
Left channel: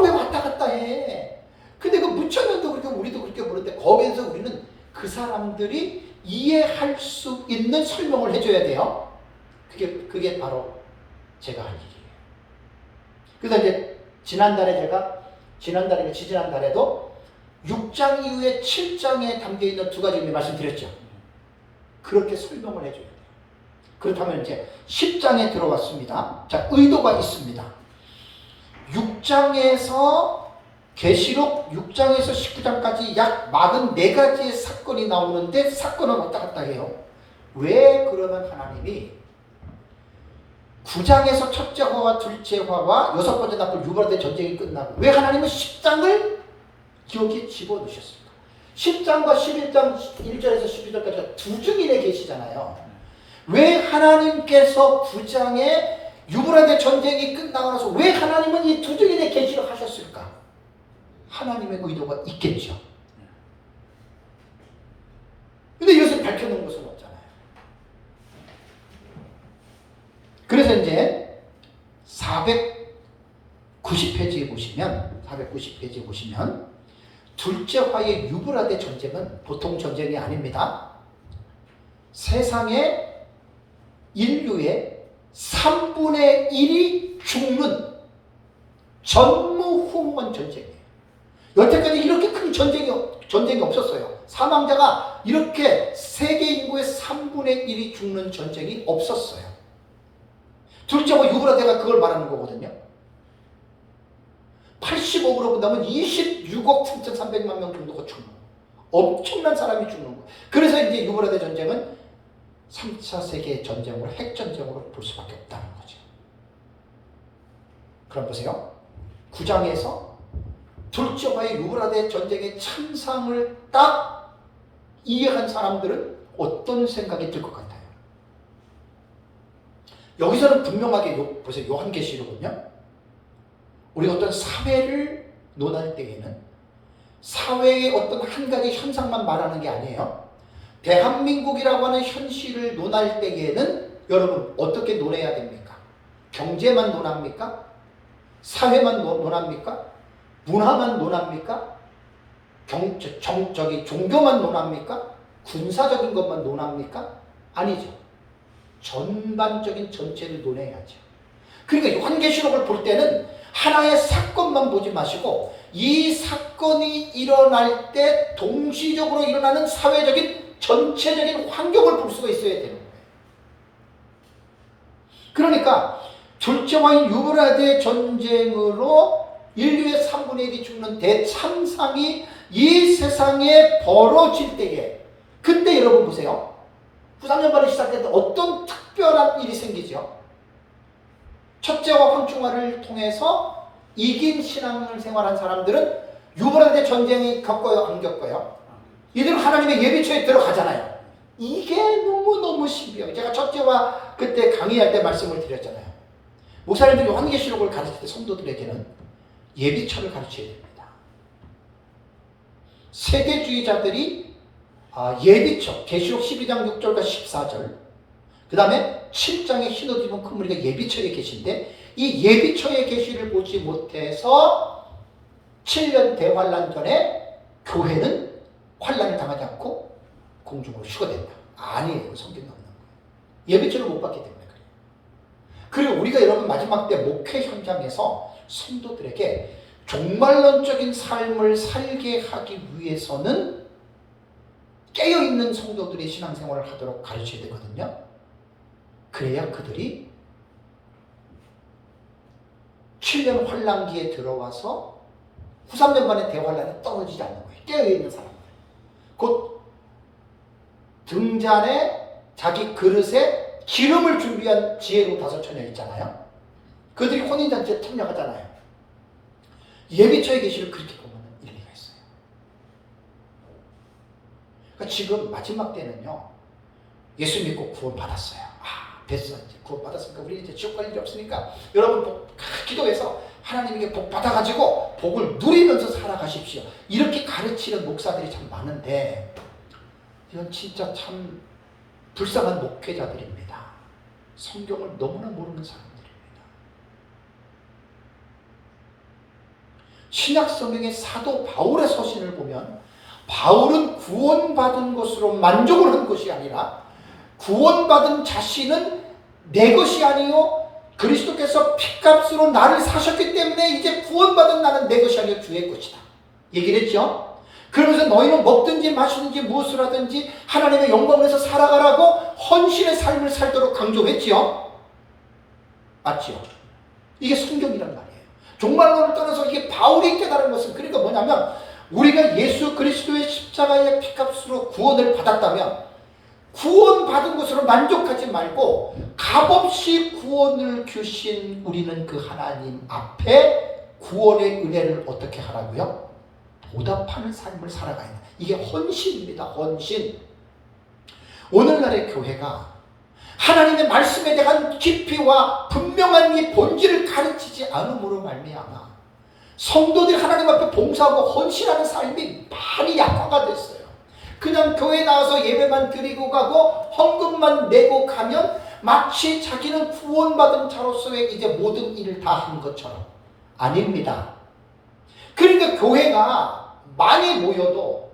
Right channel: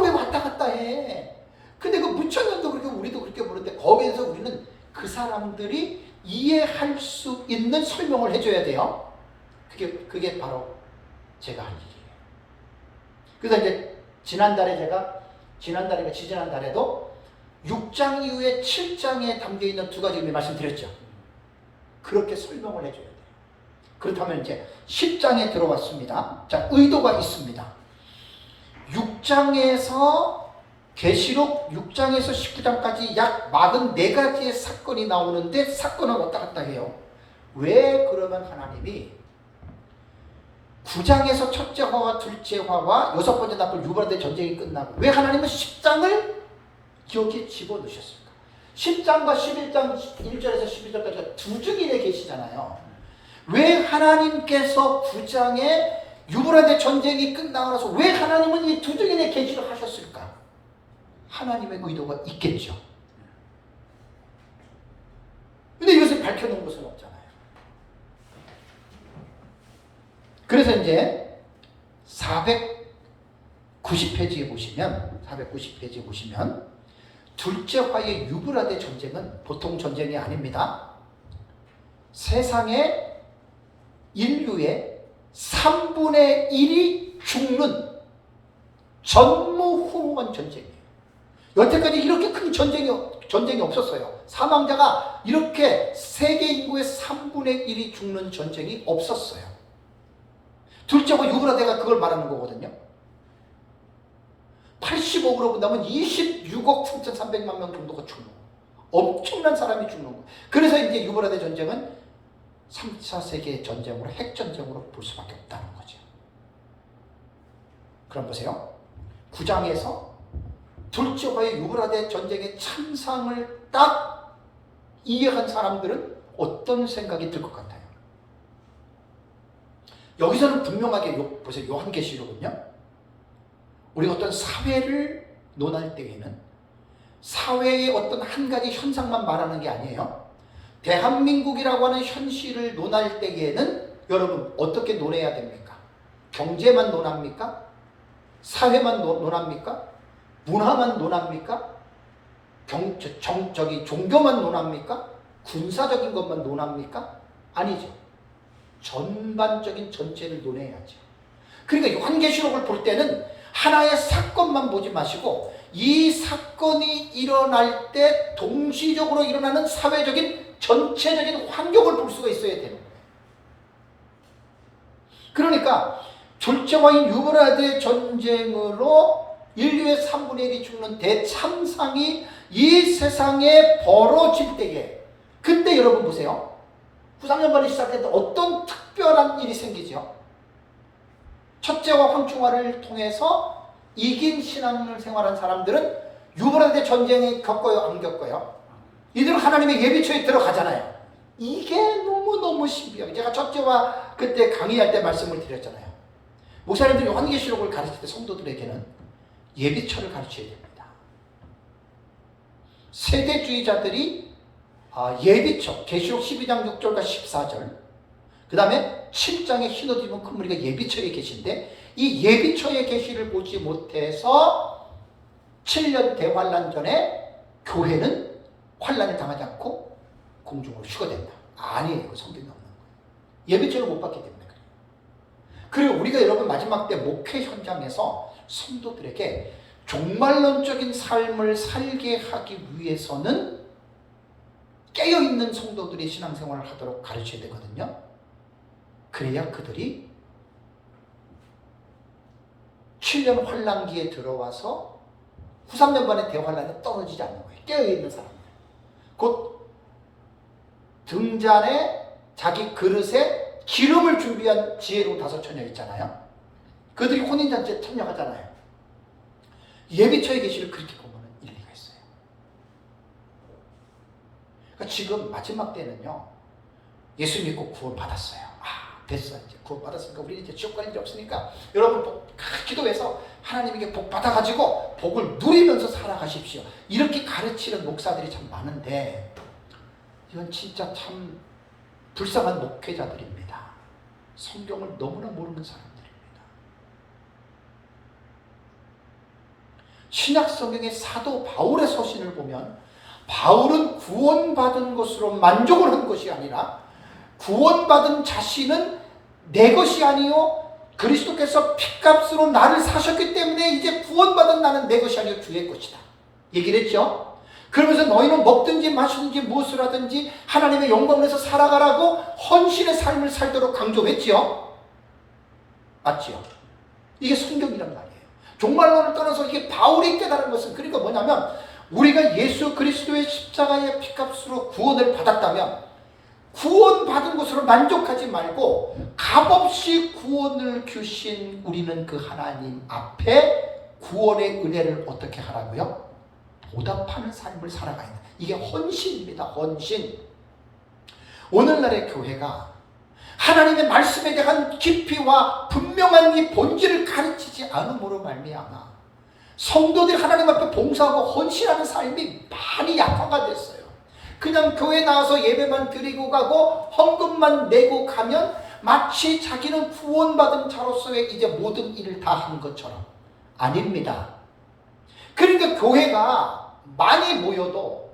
왜 왔다 갔다 해? 근데 그 무천년도 그렇게 우리도 그렇게 보는데 거기에서 우리는 그 사람들이 이해할 수 있는 설명을 해줘야 돼요. 그게 바로 제가 할 일이에요. 그래서 이제 지난달에도 6장 이후에 7장에 담겨있는 두 가지 의미 말씀드렸죠. 그렇게 설명을 해줘야 돼요. 그렇다면 이제 10장에 들어왔습니다. 자, 의도가 있습니다. 6장에서 계시록 6장에서 19장까지 약 44가지의 사건이 나오는데 사건은 왔다 갔다 해요. 왜 그러면 하나님이 9장에서 첫째 화와 둘째 화와 여섯 번째 나팔 유발대 전쟁이 끝나고 왜 하나님은 10장을 여기에 집어넣으셨을까? 10장과 11장 1절에서 12절까지 두 증인에 계시잖아요. 왜 하나님께서 9장에 유브라데 전쟁이 끝나고 나서 왜 하나님은 이 두 증인의 계시를 하셨을까? 하나님의 의도가 있겠죠. 근데 이것을 밝혀놓은 것은 없잖아요. 그래서 이제 490페이지에 보시면 둘째 화의 유브라데 전쟁은 보통 전쟁이 아닙니다. 세상의 인류의 3분의 1이 죽는 전무후무한 전쟁이에요. 여태까지 이렇게 큰 전쟁이 없었어요. 사망자가 이렇게 세계 인구의 3분의 1이 죽는 전쟁이 없었어요. 둘째 화 유브라데가 그걸 말하는 거거든요. 80억으로 본다면 26억 7,300만 명 정도가 죽는 거예요. 엄청난 사람이 죽는 거예요. 그래서 이제 유브라데 전쟁은 3차 세계 전쟁으로 핵전쟁으로 볼 수밖에 없다는 거죠. 그럼 보세요. 9장에서 둘째와의 유브라데 전쟁의 참상을 딱 이해한 사람들은 어떤 생각이 들 것 같아요? 여기서는 분명하게 보세요. 요한계시록은요. 우리가 어떤 사회를 논할 때에는 사회의 어떤 한 가지 현상만 말하는 게 아니에요. 대한민국이라고 하는 현실을 논할 때에는 여러분 어떻게 논해야 됩니까? 경제만 논합니까? 사회만 논합니까? 문화만 논합니까? 종교만 논합니까? 군사적인 것만 논합니까? 아니죠. 전반적인 전체를 논해야죠. 그러니까 요한계시록을 볼 때는 하나의 사건만 보지 마시고 이 사건이 일어날 때 동시적으로 일어나는 사회적인 전체적인 환경을 볼 수가 있어야 되는 거예요. 그러니까 둘째 왕인 유브라데 전쟁으로 인류의 3분의 1이 죽는 대참상이 이 세상에 벌어질 때에 그때 여러분 보세요. 후상연반이 시작할 때 어떤 특별한 일이 생기죠. 첫째와 황충화를 통해서 이긴 신앙생활한 사람들은 유브라데 전쟁이 겪어요, 안 겪어요? 이들은 하나님의 예비처에 들어가잖아요. 이게 너무너무 신비해요. 제가 첫째와 그때 강의할 때 말씀을 드렸잖아요. 목사님들이 요한계시록을 가르칠 때 성도들에게는 예비처를 가르쳐야 됩니다. 세대주의자들이 예비처, 계시록 12장 6절과 14절, 그 다음에 7장에 흰옷 입은 큰 무리가 예비처에 계신데 이 예비처의 계시를 보지 못해서 7년 대환란 전에 교회는 환란을 당하지 않고 공중으로 휴거된다. 아니에요. 그 성경에 없는 거예요. 예비처를 못 받기 때문에 그래요. 그리고 우리가 여러분 마지막 때 목회 현장에서 성도들에게 종말론적인 삶을 살게 하기 위해서는 깨어있는 성도들이 신앙생활을 하도록 가르쳐야 되거든요. 그래야 그들이 7년 환란기에 들어와서 후 3년 만에 대환란에 떨어지지 않는 거예요. 깨어있는 사람들. 곧 등잔에 자기 그릇에 기름을 준비한 지혜로 5처녀 있잖아요. 그들이 혼인잔치에 참여하잖아요. 예비처의 계시를 그렇게 보면 일리가 있어요. 그러니까 지금 마지막 때는요. 예수 믿고 구원받았어요. 됐어. 이제 구원받았으니까 우리 이제 지옥 갈 일이 없으니까 여러분 기도해서 하나님에게 복 받아가지고 복을 누리면서 살아가십시오. 이렇게 가르치는 목사들이 참 많은데 이건 진짜 참 불쌍한 목회자들입니다. 성경을 너무나 모르는 사람들입니다. 신약 성경의 사도 바울의 서신을 보면 바울은 구원받은 것으로 만족을 한 것이 아니라 구원받은 자신은 내 것이 아니요 그리스도께서 핏값으로 나를 사셨기 때문에 이제 구원받은 나는 내 것이 아니요 주의 것이다. 얘기를 했죠. 그러면서 너희는 먹든지 마시든지 무엇을 하든지 하나님의 영광을 위해서 살아가라고 헌신의 삶을 살도록 강조했죠. 맞죠? 이게 성경이란 말이에요. 종말론을 떠나서 이게 바울이 깨달은 것은 그러니까 뭐냐면 우리가 예수 그리스도의 십자가의 핏값으로 구원을 받았다면 구원받은 것으로 만족하지 말고 값없이 구원을 주신 우리는 그 하나님 앞에 구원의 은혜를 어떻게 하라고요? 보답하는 삶을 살아가야 돼. 이게 헌신입니다. 헌신. 오늘날의 교회가 하나님의 말씀에 대한 깊이와 분명한 이 본질을 가르치지 않음으로 말미암아 성도들이 하나님 앞에 봉사하고 헌신하는 삶이 많이 약화가 됐어요. 그냥 교회 나와서 예배만 드리고 가고 헌금만 내고 가면 마치 자기는 구원받은 자로서의 이제 모든 일을 다 한 것처럼. 아닙니다. 그러니까 교회가 많이 모여도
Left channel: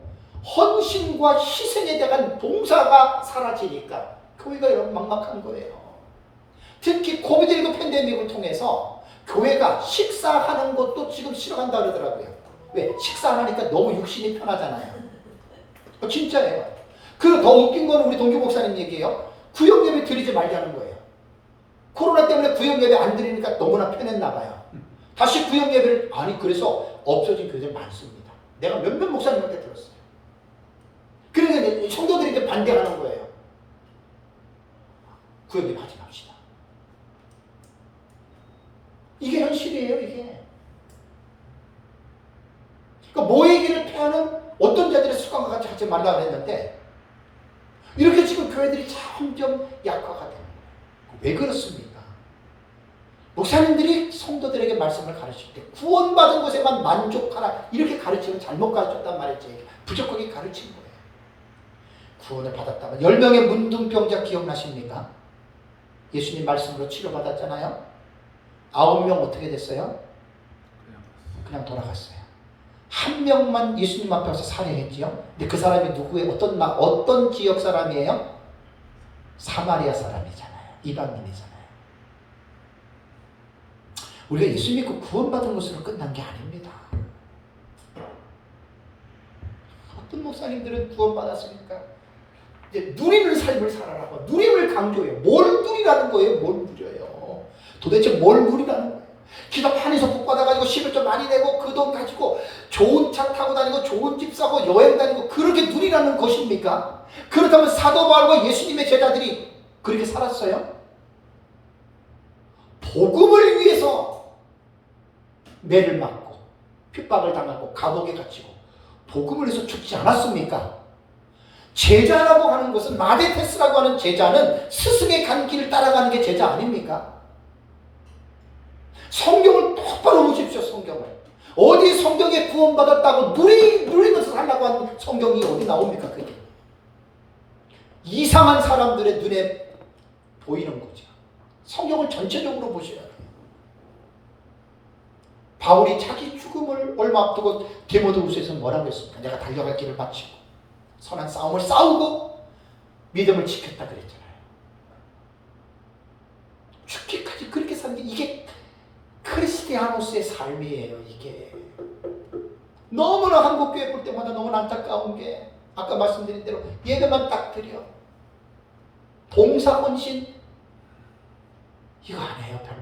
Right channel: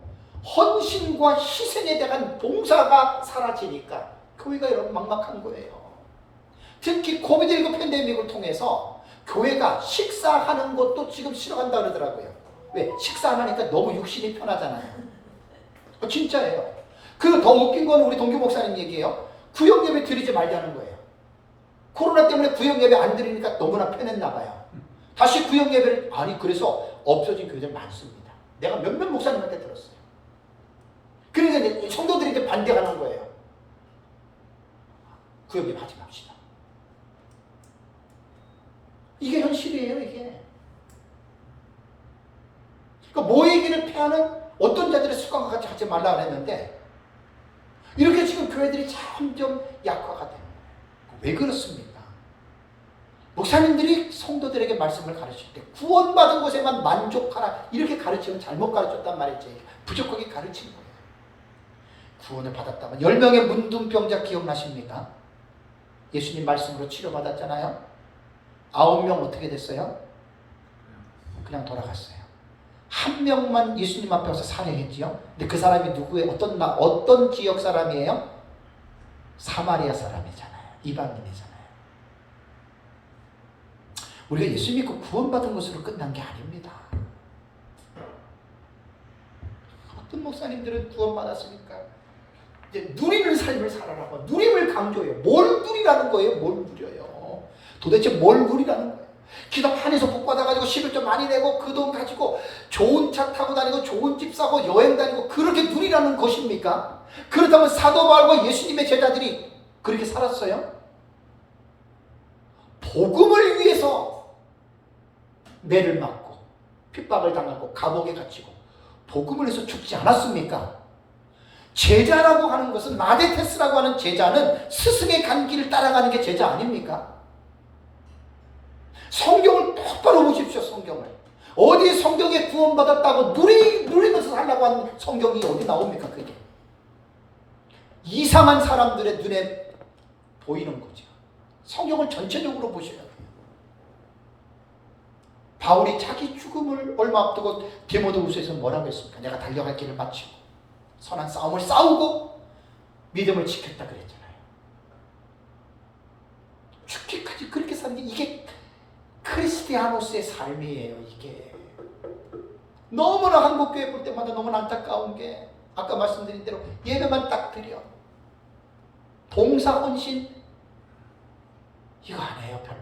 헌신과 희생에 대한 봉사가 사라지니까 교회가 여러분 막막한 거예요. 특히 코비드19 팬데믹을 통해서 교회가 식사하는 것도 지금 싫어한다 그러더라고요. 왜? 식사 안 하니까 너무 육신이 편하잖아요. 진짜예요. 그 더 웃긴 건 우리 동규 목사님 얘기예요. 구역 예배 드리지 말자는 거예요. 코로나 때문에 구역 예배 안 드리니까 너무나 편했나 봐요. 다시 구역 예배를 아니 그래서 없어진 교회들 많습니다. 내가 몇몇 목사님한테 들었어요. 그러니까 성도들이 이제 반대하는 거예요. 구역 예배 하지 맙시다. 이게 현실이에요, 이게. 하는 어떤 자들의 습관과 같이 하지 말라 그랬는데 이렇게 지금 교회들이 점점 약화가 되는 거예요. 왜 그렇습니까? 목사님들이 성도들에게 말씀을 가르칠 때 구원받은 것에만 만족하라 이렇게 가르치면 잘못 가르쳤단 말이지. 부족하게 가르치는 거예요. 구원을 받았다면 10명의 문둥병자 기억나십니까? 예수님 말씀으로 치료받았잖아요. 9명 어떻게 됐어요? 그냥 돌아갔어요. 한 명만 예수님 앞에 와서 살해했지요. 근데 그 사람이 누구의 어떤 지역 사람이에요? 사마리아 사람이잖아요. 이방인이잖아요. 우리가 예수 믿고 구원받은 것으로 끝난 게 아닙니다. 어떤 목사님들은 구원받았으니까 이제 누리는 삶을 살아라고 누림을 강조해요. 뭘 누리라는 거예요? 뭘 누려요? 도대체 뭘 누리라는 거예요? 기도 많이 해서 복 받아가지고 11조 많이 내고 그 돈 가지고 좋은 차 타고 다니고 좋은 집 사고 여행 다니고 그렇게 누리라는 것입니까? 그렇다면 사도 바울과 예수님의 제자들이 그렇게 살았어요? 복음을 위해서 매를 맞고 핍박을 당하고 감옥에 갇히고 복음을 위해서 죽지 않았습니까? 제자라고 하는 것은 마데테스라고 하는 제자는 스승의 간 길을 따라가는 게 제자 아닙니까? 성경을 똑바로 보십시오. 성경을 어디 성경에 구원받았다고 누리면서 살라고 하는 성경이 어디 나옵니까? 그게 이상한 사람들의 눈에 보이는 거죠. 성경을 전체적으로 보셔야 돼요. 바울이 자기 죽음을 얼마 앞두고 디모데후서에서 뭐라고 했습니까? 내가 달려갈 길을 마치고 선한 싸움을 싸우고 믿음을 지켰다 그랬잖아요. 죽기까지 그렇게 사는 게 이게 크리스티아노스의 삶이에요. 이게 너무나 한국교회 볼 때마다 너무나 안타까운 게 아까 말씀드린 대로 예배만 딱 드려 봉사헌신 이거 안 해요. 별로.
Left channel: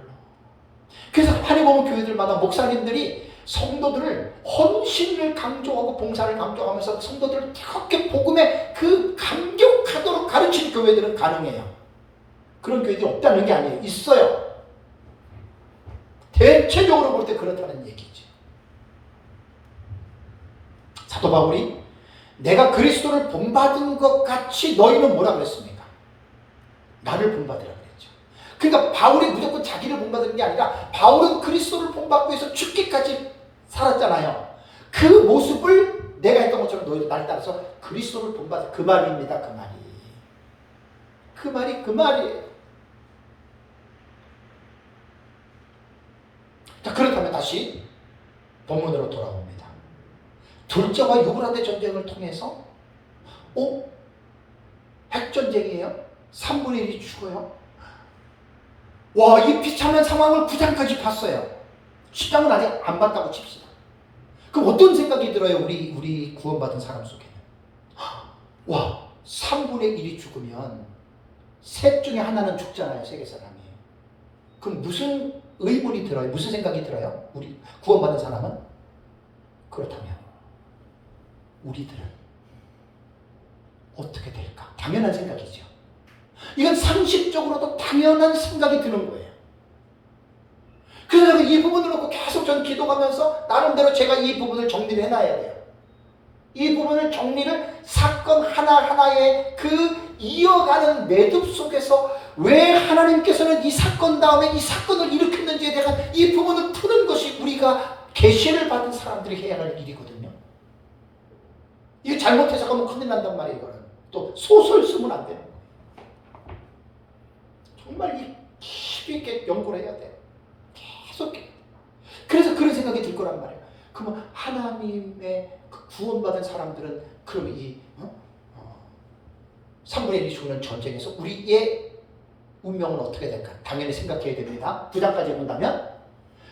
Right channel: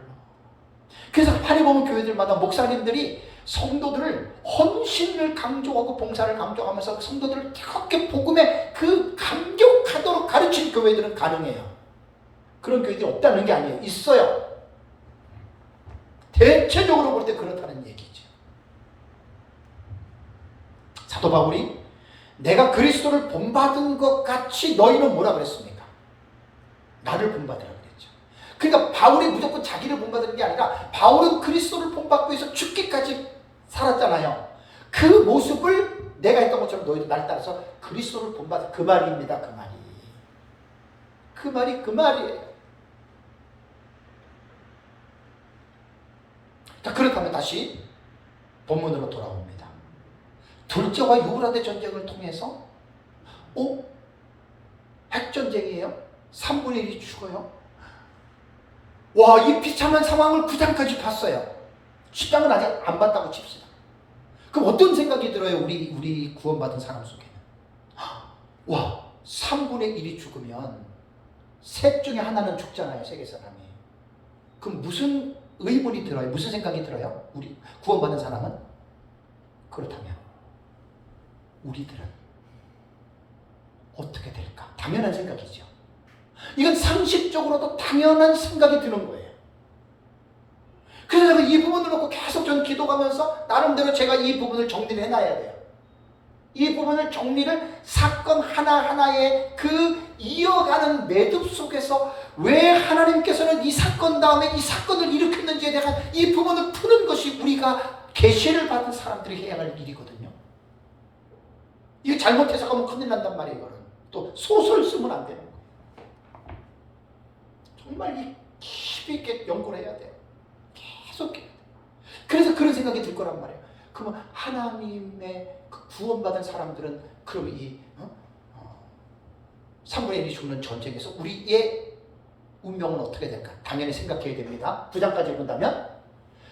그래서 많이 보면 교회들마다 목사님들이 성도들을 헌신을 강조하고 봉사를 강조하면서 성도들을 그렇게 복음에 그 감격하도록 가르치는 교회들은 가능해요. 그런 교회들이 없다는 게 아니에요. 있어요. 대체적으로 볼 때 그렇다는 얘기지. 사도 바울이 내가 그리스도를 본받은 것 같이 너희는 뭐라 그랬습니까? 나를 본받으라 그랬죠. 그러니까 바울이 무조건 자기를 본받는 게 아니라 바울은 그리스도를 본받기 위해서 죽기까지 살았잖아요. 그 모습을 내가 했던 것처럼 너희도 날 따라서 그리스도를 본받아. 그 말입니다. 그 말이에요. 그렇다면 다시 본문으로 돌아옵니다. 둘째와 유브라데 전쟁을 통해서 핵전쟁이에요? 3분의 1이 죽어요? 와, 이 비참한 상황을 9장까지 봤어요. 10장은 아직 안 봤다고 칩시다. 그럼 어떤 생각이 들어요? 우리 구원받은 사람 속에는. 와, 3분의 1이 죽으면 셋 중에 하나는 죽잖아요. 세계 사람이. 그럼 무슨 의문이 들어요? 무슨 생각이 들어요? 우리 구원받은 사람은? 그렇다면 우리들은 어떻게 될까? 당연한 생각이죠. 이건 상식적으로도 당연한 생각이 드는 거예요. 그래서 제가 이 부분을 놓고 계속 전 기도하면서 나름대로 제가 이 부분을 정리를 해놔야 돼요. 이 부분을 정리를 사건 하나하나의 그 이어가는 매듭 속에서 왜 하나님께서는 이 사건 다음에 이 사건을 일으켰는지에 대한 이 부분을 푸는 것이 우리가 계시를 받은 사람들이 해야 할 일이거든요. 이거 잘못 해석하면 큰일 난단 말이에요. 이거는. 또 소설 쓰면 안 되는 거예요. 정말 이 깊이 있게 연구를 해야 돼요. 계속. 그래서 그런 생각이 들 거란 말이에요. 그러면 하나님의 그 구원받은 사람들은 그럼 이 3분의 1이 죽는 전쟁에서 우리의 운명은 어떻게 될까? 당연히 생각해야 됩니다. 9장까지 본다면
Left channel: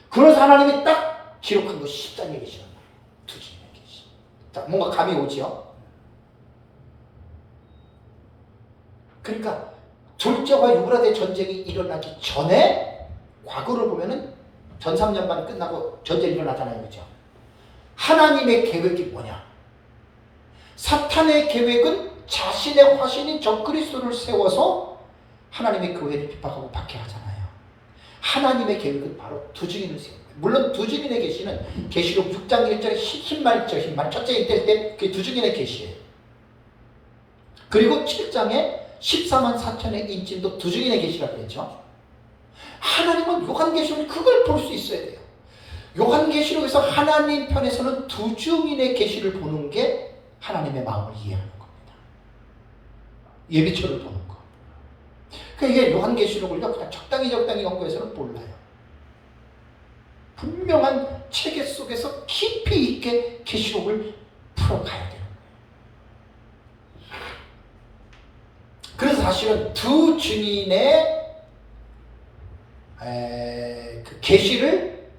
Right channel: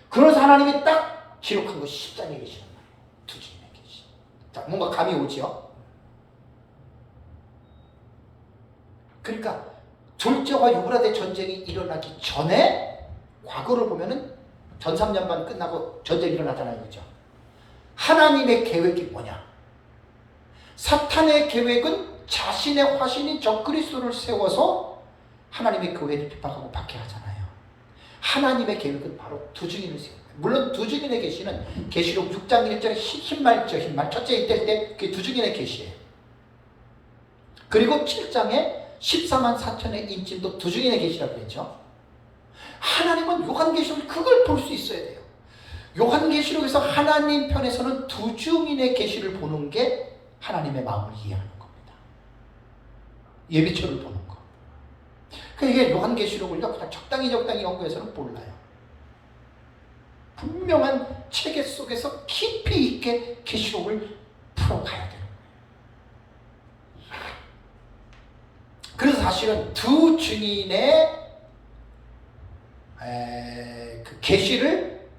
그래서 하나님이 딱 기록한 것이 10장에 계시는 거예요. 두 주님에 계시. 자, 뭔가 감이 오지요? 그러니까 졸저와 유브라데 전쟁이 일어나기 전에 과거를 보면은 전 3년반 끝나고 전쟁이 일어나잖아요. 그죠? 하나님의 계획이 뭐냐? 사탄의 계획은 자신의 화신인 적그리스도를 세워서 하나님의 교회를 핍박하고 박해하잖아요. 하나님의 계획은 바로 두 증인을 세웁니다. 물론 두 증인의 계시는 계시록 6장 1절에 힘말 첫째 이때 때 그게 두 증인의 계시예요. 그리고 7장에 14만 4천의 인침도 두 증인의 계시라고 했죠. 하나님은 요한계시록 그걸 볼 수 있어야 돼요. 요한계시록에서 하나님 편에서는 두 증인의 계시를 보는 게 하나님의 마음을 이해하는 겁니다. 예비초를 보는 거. 그러니까 이게 요한계시록을 적당히 연구해서는 몰라요. 분명한 체계 속에서 깊이 있게 계시록을 풀어가야 돼요. 그래서 사실은 두 증인의 그 계시를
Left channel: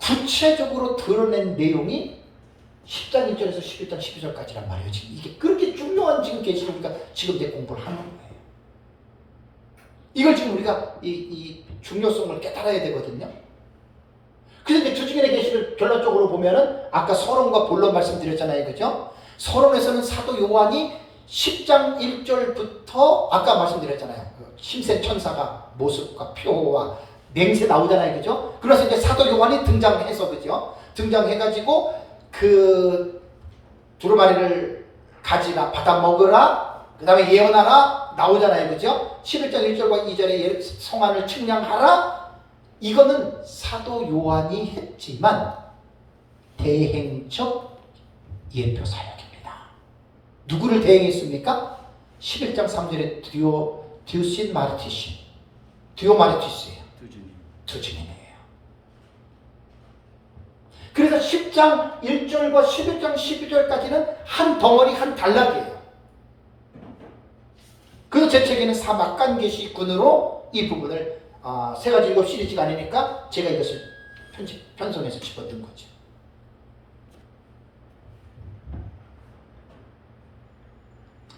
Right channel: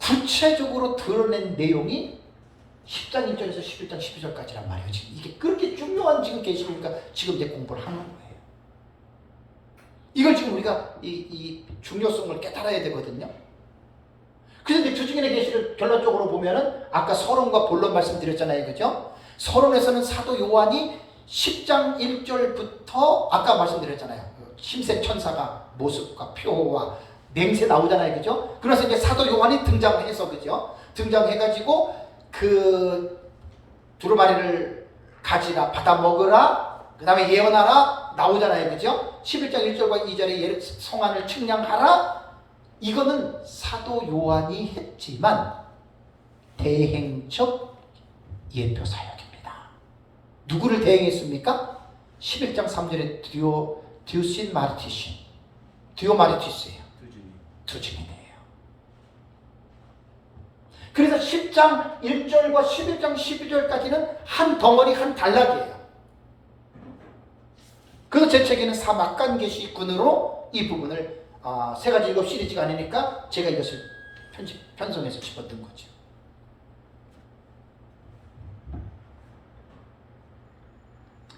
구체적으로 드러낸 내용이 10장 1절에서 11장 12절까지란 말이에요. 지금 이게 그렇게 중요한 지금 계시니까 지금 이제 공부를 하는 거예요. 이걸 지금 우리가 이 중요성을 깨달아야 되거든요. 그런데 두 증인의 계시를 결론적으로 보면은 아까 서론과 본론 말씀드렸잖아요, 그죠? 서론에서는 사도 요한이 10장 1절부터 아까 말씀드렸잖아요. 힘센 천사가 모습과 표와 맹세 나오잖아요, 그죠? 그래서 이제 사도 요한이 등장해서, 그죠? 등장해가지고 그 두루마리를 가지라, 받아 먹으라, 그 다음에 예언하라 나오잖아요, 그죠? 11장 1절과 2절에 성안을 측량하라. 이거는 사도 요한이 했지만 대행적 예표 사역입니다. 누구를 대행했습니까? 11장 3절에 디오신 마르티신, 디오마르티스예요. 두 증인이에요. 그래서 10장 1절과 11장 12절까지는 한 덩어리 한 단락이에요. 그 제 책에는 사막간 계시군으로 이 부분을 세 가지 7 시리즈가 아니니까 제가 이것을 편성해서 집어든 거죠.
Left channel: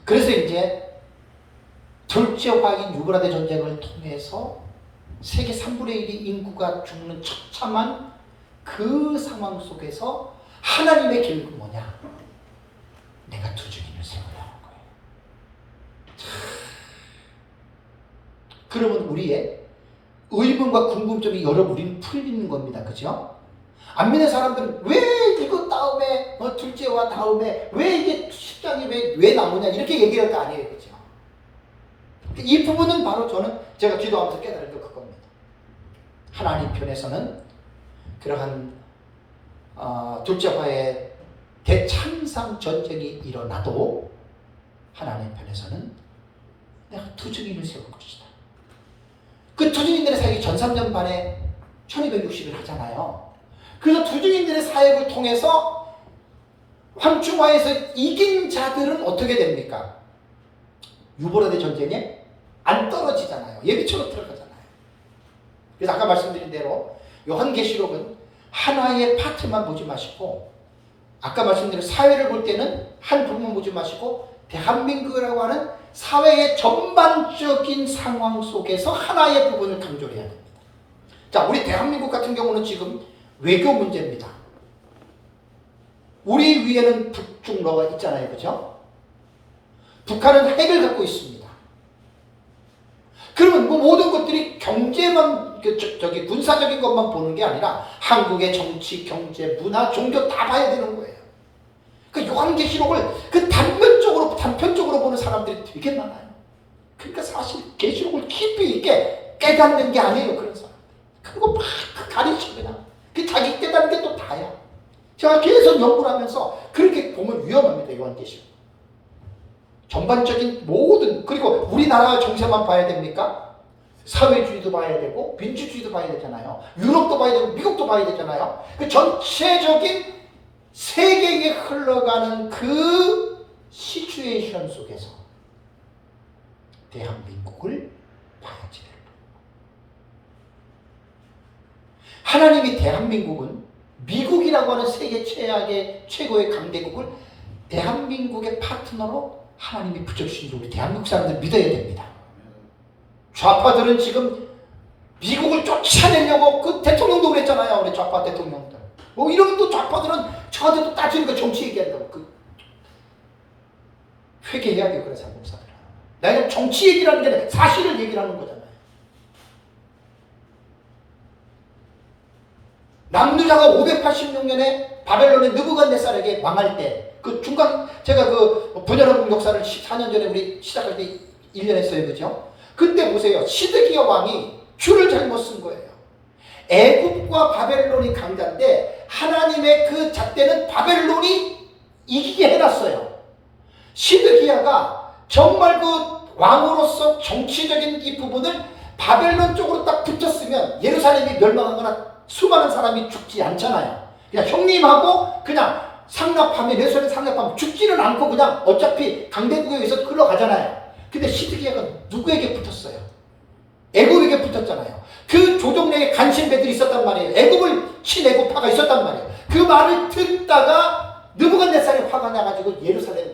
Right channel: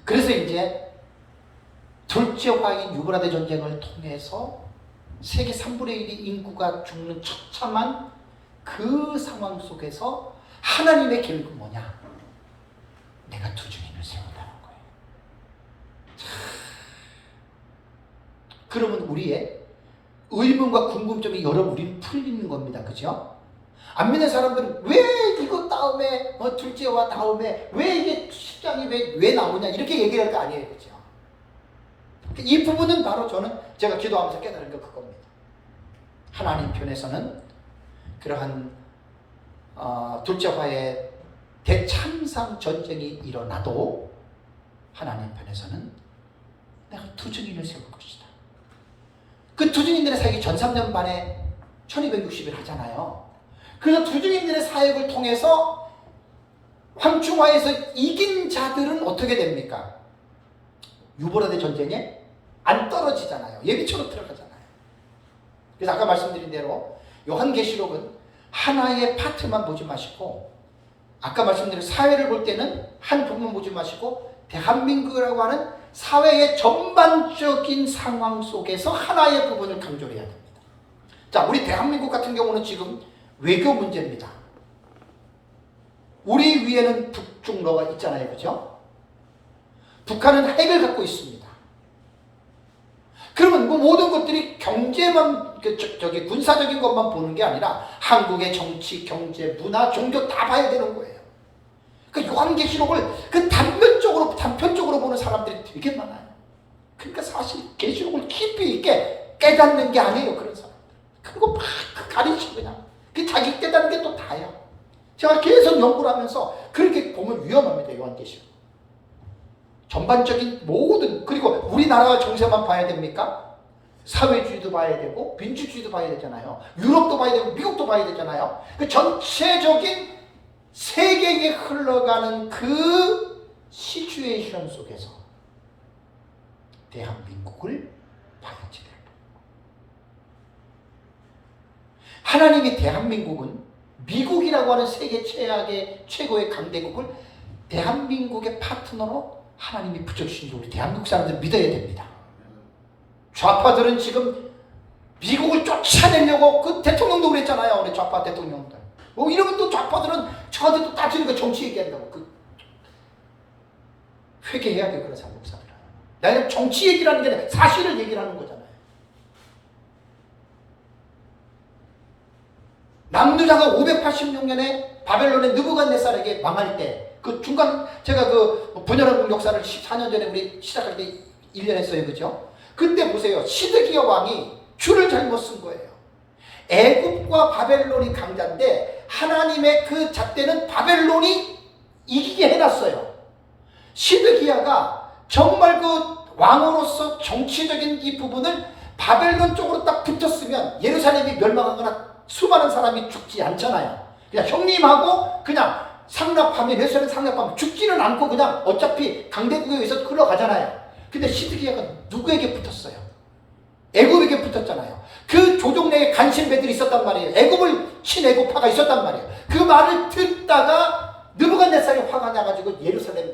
그래서 이제 둘째 화인 유브라데 전쟁을 통해서 세계 3분의 1이 인구가 죽는 처참한 그 상황 속에서 하나님의 계획은 뭐냐? 내가 두 증인을 세운다는 거예요. 그러면 우리의 의문과 궁금점이 여러 우리는 풀리는 겁니다. 그죠? 안 믿는 사람들은 왜 이거 다음에 둘째와 다음에 왜 이게 10장이 왜 나오냐 이렇게 얘기할 거 아니에요. 그죠? 이 부분은 바로 제가 기도하면서 깨달은 게 그겁니다. 하나님 편에서는 그러한 둘째화의 대참상 전쟁이 일어나도 하나님 편에서는 내가 두 증인을 세울 것이다. 그 두 증인들의 사역이 전 3년 만에 1260일 하잖아요. 그래서 두 증인들의 사역을 통해서 황충화에서 이긴 자들은 어떻게 됩니까? 유브라데 전쟁에 안 떨어지잖아요. 예비초로 들어가잖아요. 그래서 아까 말씀드린 대로 요한계시록은 하나의 파트만 보지 마시고 아까 말씀드린 사회를 볼 때는 한 부분만 보지 마시고 대한민국이라고 하는 사회의 전반적인 상황 속에서 하나의 부분을 강조해야 됩니다. 자, 우리 대한민국 같은 경우는 지금 외교 문제입니다. 우리 위에는 북중러가 있잖아요. 그죠? 북한은 핵을 갖고 있습니다. 그러면 그 모든 것들이 경제만, 군사적인 것만 보는 게 아니라 한국의 정치, 경제, 문화, 종교 다 봐야 되는 거예요. 그 요한계시록을 그 단편적으로 보는 사람들이 되게 많아요. 그러니까 사실 계시록을 깊이 있게 깨닫는 게 아니에요. 그런 사람들. 그거 막 가리킵니다. 그 자기 깨닫는 게 또 다야. 제가 계속 연구를 하면서 그렇게 보면 위험합니다. 요한계시록. 전반적인 모든, 그리고 우리나라 정세만 봐야 됩니까? 사회주의도 봐야 되고 민주주의도 봐야 되잖아요. 유럽도 봐야 되고 미국도 봐야 되잖아요. 그 전체적인 세계에 흘러가는 그 시츄에이션 속에서 대한민국을 봐야지 돼요. 하나님이 대한민국은 미국이라고 하는 세계 최고의 강대국을 대한민국의 파트너로 하나님이 붙여주신 게 우리 대한민국 사람들 믿어야 됩니다. 좌파들은 지금 미국을 쫓아내려고 그 대통령도 그랬잖아요. 우리 좌파 대통령들. 이런 또 좌파들은 저한테 또 따지니까 정치 얘기한다고. 회개해야 돼요. 그래서 한국 사람들은. 나는 정치 얘기라는 게 아니라 사실을 얘기를 하는 거잖아요. 남유다가 586년에 바벨론의 느부갓네살에게 망할 때 그 중간 제가 그 분열한 역사를 14년 전에 우리 시작할 때 1년 했어요. 그죠? 그때 보세요. 시드기야 왕이 줄을 잘못 쓴 거예요. 애굽과 바벨론이 강자인데 하나님의 그 잣대는 바벨론이 이기게 해놨어요. 시드기야가 정말 그 왕으로서 정치적인 이 부분을 바벨론 쪽으로 딱 붙었으면 예루살렘이 멸망하거나 수많은 사람이 죽지 않잖아요. 그냥 형님하고 그냥 상납하면 예루살렘 상납하면 죽지는 않고 그냥 어차피 강대국에 의해서 흘러가잖아요. 근데 시드기야가 누구에게 붙었어요? 애굽에게 붙었잖아요. 그 조정 내에 간신배들이 있었단 말이에요. 애굽을 친애굽파가 있었단 말이에요. 그 말을 듣다가 느부갓네살이 화가 나가지고 예루살렘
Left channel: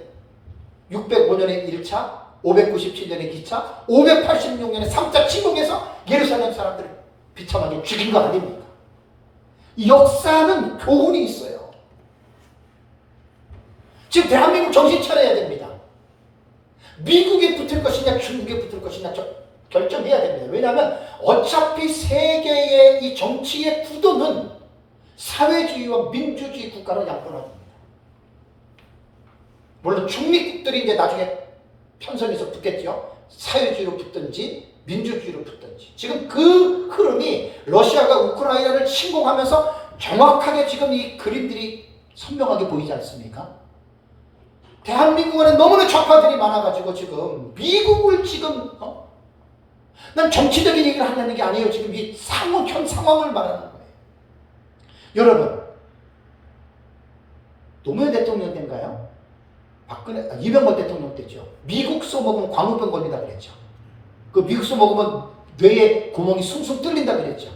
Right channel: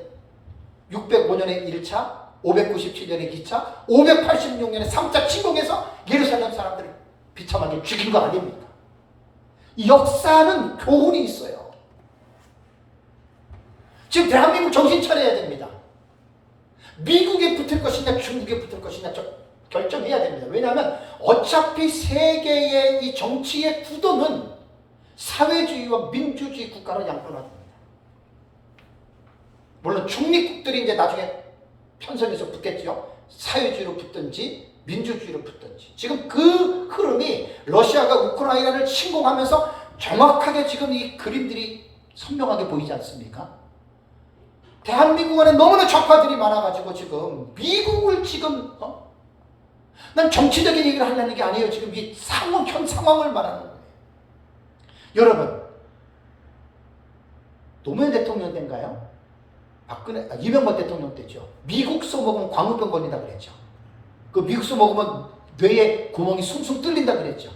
605년에 1차, 597년에 2차, 586년에 3차 침공해서 예루살렘 사람들을 비참하게 죽인 거 아닙니까? 이 역사는 교훈이 있어요. 지금 대한민국 정신 차려야 됩니다. 미국에 붙을 것이냐 중국에 붙을 것이냐 결정해야 됩니다. 왜냐하면 어차피 세계의 이 정치의 구도는 사회주의와 민주주의 국가로 양분합니다. 물론 중립국들이 이제 나중에 편성해서 붙겠죠. 사회주의로 붙든지 민주주의로 붙든지. 지금 그 흐름이 러시아가 우크라이나를 침공하면서 정확하게 지금 이 그림들이 선명하게 보이지 않습니까? 대한민국 안에 너무나 좌파들이 많아가지고 지금 미국을 지금 난 정치적인 얘기를 하려는 게 아니에요. 지금 이 현 상황을 말하는 거예요. 여러분, 노무현 대통령 때인가요? 이명박 대통령 때죠. 미국소 먹으면 광우병 걸린다 그랬죠. 그 미국소 먹으면 뇌에 구멍이 숭숭 뚫린다 그랬죠.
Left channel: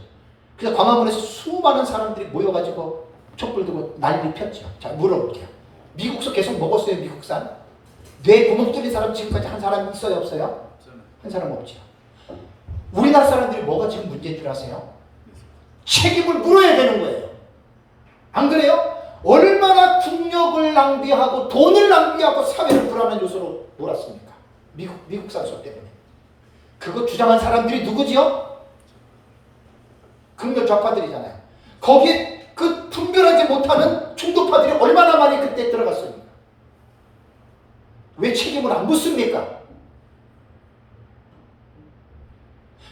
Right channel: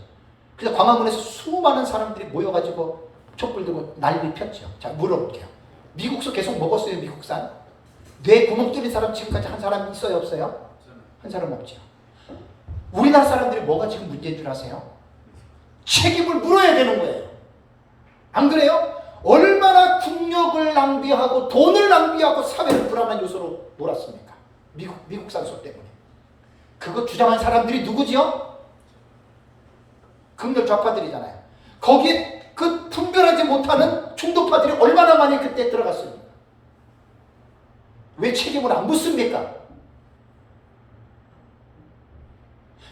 그래서 광화문에서 수많은 사람들이 모여가지고 촛불 들고 난리 폈죠. 자, 물어볼게요. 미국소 계속 먹었어요, 미국산? 뇌 구멍 뚫린 사람 지금까지 한 사람 있어요, 없어요? 한 사람 없죠. 우리나라 사람들이 뭐가 지금 문제인 줄 아세요? 책임을 물어야 되는 거예요. 안 그래요? 얼마나 국력을 낭비하고 돈을 낭비하고 사회를 불안한 요소로 몰았습니까? 미국산 소 때문에. 그거 주장한 사람들이 누구지요? 극렬 좌파들이잖아요. 거기에 그 분별하지 못하는 중도파들이 얼마나 많이 그때 들어갔습니까? 왜 책임을 안 묻습니까?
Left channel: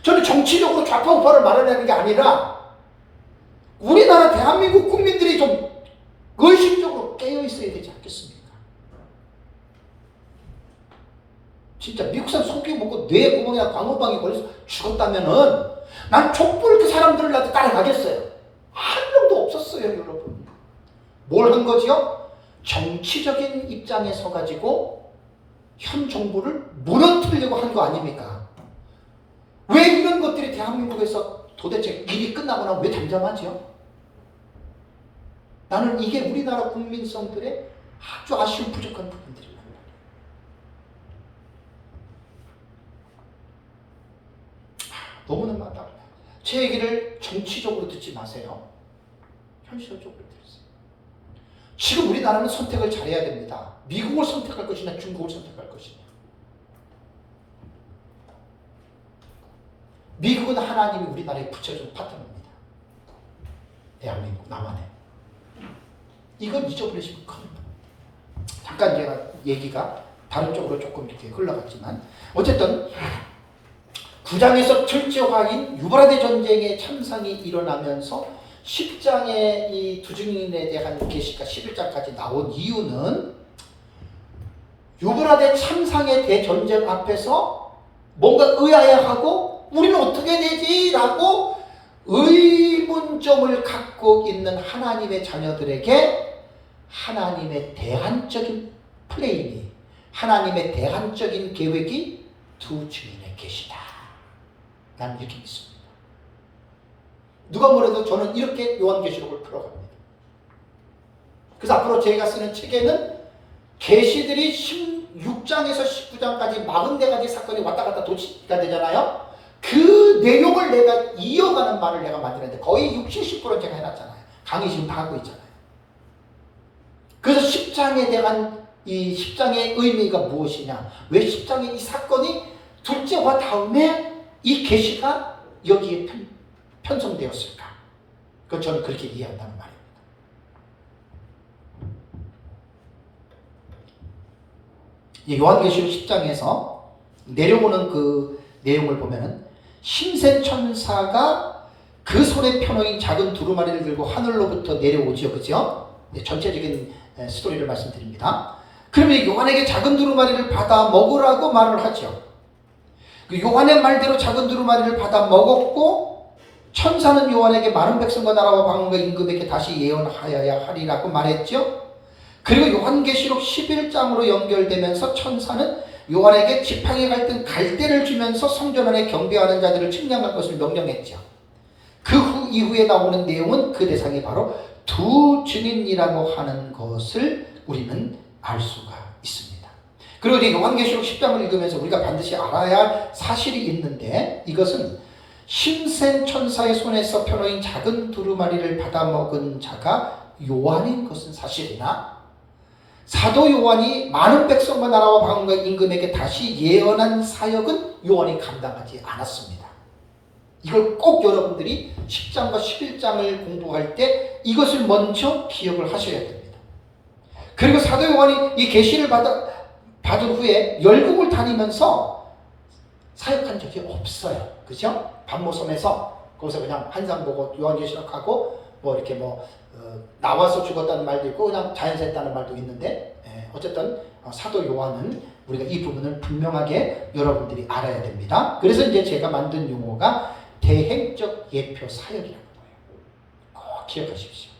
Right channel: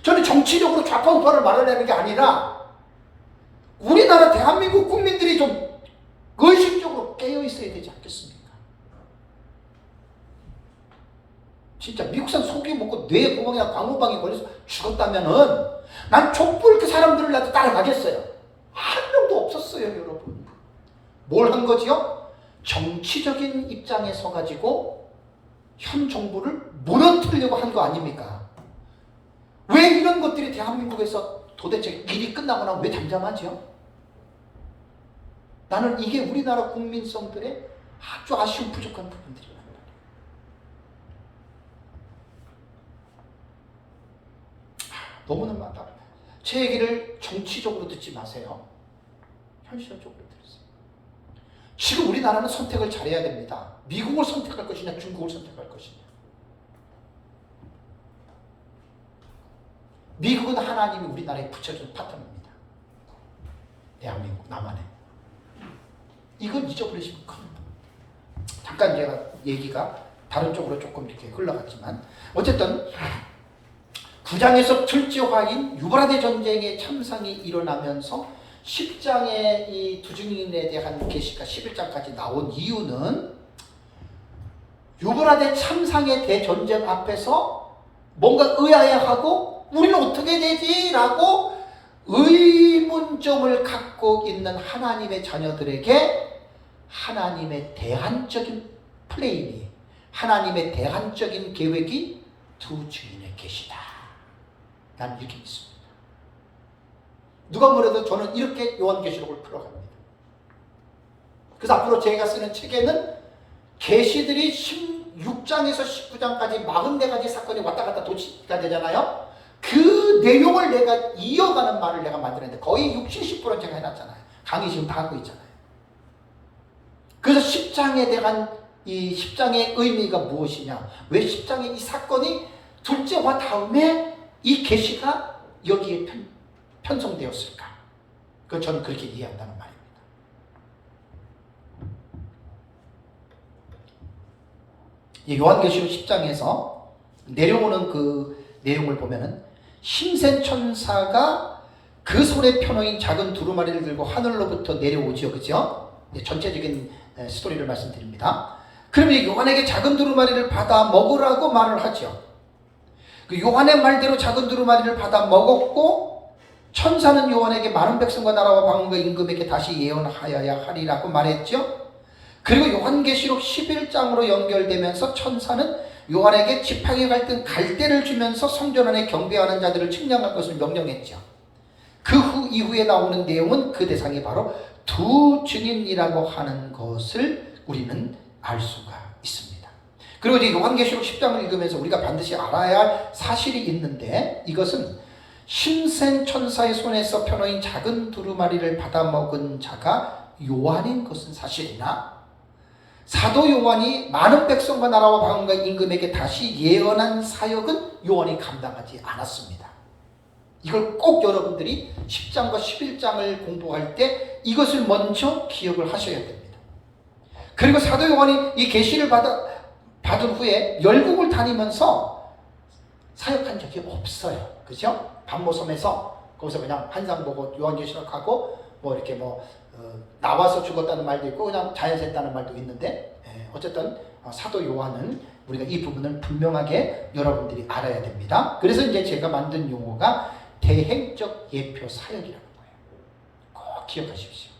저는 정치적으로 좌파 우파를 말하려는 게 아니라 우리나라 대한민국 국민들이 좀 의식적으로 깨어 있어야 되지 않겠습니까? 진짜 미국산 소고기 먹고 뇌 구멍이나 광우병이 걸려서 죽었다면은 난 촛불 그 사람들을 나도 따라가겠어요. 한 명도 없었어요, 여러분. 뭘 한 거지요? 정치적인 입장에 서가지고 현 정부를 무너뜨리려고 한 거 아닙니까? 왜 이런 것들이 대한민국에서 도대체 일이 끝나거나 왜 잠잠하죠? 나는 이게 우리나라 국민성들의 아주 아쉬운 부족한 부분들이에요. 너무나 많다. 제 얘기를 정치적으로 듣지 마세요. 현실적으로 들으세요. 지금 우리나라는 선택을 잘해야 됩니다. 미국을 선택할 것이냐 중국을 선택할 것이냐. 미국은 하나님이 우리나라에 붙여준 파트너입니다. 대한민국 남한에. 이건 잊어버리시면 겁니다. 잠깐 제가 얘기가 다른 쪽으로 조금 이렇게 흘러갔지만 어쨌든 9장에서 철저화인 유브라데 전쟁의 참상이 일어나면서 10장의 이 두 증인에 대한 계시가 11장까지 나온 이유는 유브라데 참상의 대전쟁 앞에서 뭔가 의아해하고 우리는 어떻게 되지? 라고 의문점을 갖고 있는 하나님의 자녀들에게 하나님의 대안적인 플레임이, 하나님의 대안적인 계획이 두 증인의 계시다. 난 이렇게 믿습니다. 누가 뭐래도 저는 이렇게 요한계시록을 풀어갑니다. 그래서 앞으로 제가 쓰는 책에는 계시들이 16장에서 19장까지 44가지 사건이 왔다 갔다 도치가 되잖아요. 그 내용을 내가 이어가는 말을 내가 만들었는데 거의 60~70%는 제가 해놨잖아요. 강의 지금 다 하고 있잖아요. 그래서 10장에 대한 이 10장의 의미가 무엇이냐? 왜 10장의 이 사건이 둘째와 다음에 이 계시가 여기에 편성되었을까? 그 저는 그렇게 이해한다는 말입니다. 이 요한계시록 10장에서 내려오는 그 내용을 보면은 힘센 천사가 그 손에 펴놓인 작은 두루마리를 들고 하늘로부터 내려오죠, 그죠? 네, 전체적인 스토리를 말씀드립니다. 그러면 요한에게 작은 두루마리를 받아 먹으라고 말을 하죠. 그 요한의 말대로 작은 두루마리를 받아 먹었고 천사는 요한에게 많은 백성과 나라와 방언과 임금에게 다시 예언하여야 하리라고 말했죠. 그리고 요한계시록 11장으로 연결되면서 천사는 요한에게 지팡이 갈등 갈대를 주면서 성전 안에 경배하는 자들을 측량할 것을 명령했죠. 그 이후에 나오는 내용은 그 대상이 바로 두 증인이라고 하는 것을 우리는 알 수가 있습니다. 그리고 이제 요한계시록 10장을 읽으면서 우리가 반드시 알아야 할 사실이 있는데 이것은 힘센 천사의 손에서 펴놓인 작은 두루마리를 받아먹은 자가 요한인 것은 사실이나 사도 요한이 많은 백성과 나라와 방언과 임금에게 다시 예언한 사역은 요한이 감당하지 않았습니다. 이걸 꼭 여러분들이 10장과 11장을 공부할 때 이것을 먼저 기억을 하셔야 됩니다. 그리고 사도 요한이 이 계시를 받은 후에 열국을 다니면서 사역한 적이 없어요. 그죠? 반모섬에서 거기서 그냥 한상 보고 요한계시록하고 뭐 이렇게 나와서 죽었다는 말도 있고 그냥 자연스했다는 말도 있는데 어쨌든 사도 요한은 우리가 이 부분을 분명하게 여러분들이 알아야 됩니다. 그래서 이제 제가 만든 용어가 대행적 예표 사역이라는 거예요. 꼭 기억하십시오.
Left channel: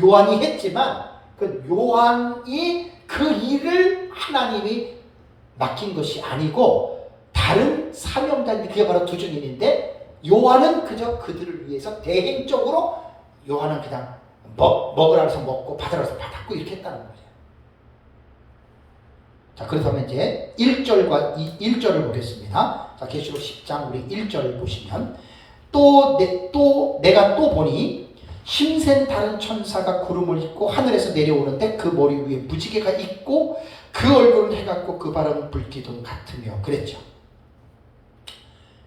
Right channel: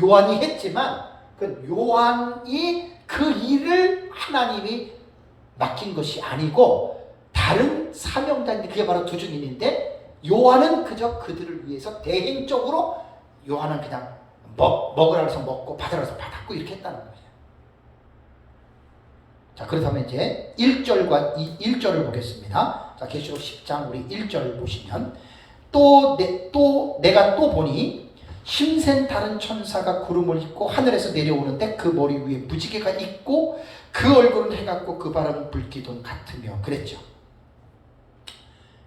요한이 했지만 그 요한이 그 일을 하나님이 맡긴 것이 아니고 다른 사명자인데 그게 바로 두 증인인데 요한은 그저 그들을 위해서 대행적으로 요한은 그냥 먹으라 해서 먹고 받으라 해서 받았고 이렇게 했다는 거예요. 자, 그렇다면 이제 1절과 1절을 보겠습니다. 자, 계시록 10장 우리 1절 보시면 내가 또 보니 힘센 다른 천사가 구름을 입고 하늘에서 내려오는데 그 머리 위에 무지개가 있고 그 얼굴은 해 같고 그 발은 불기둥 같으며 그랬죠.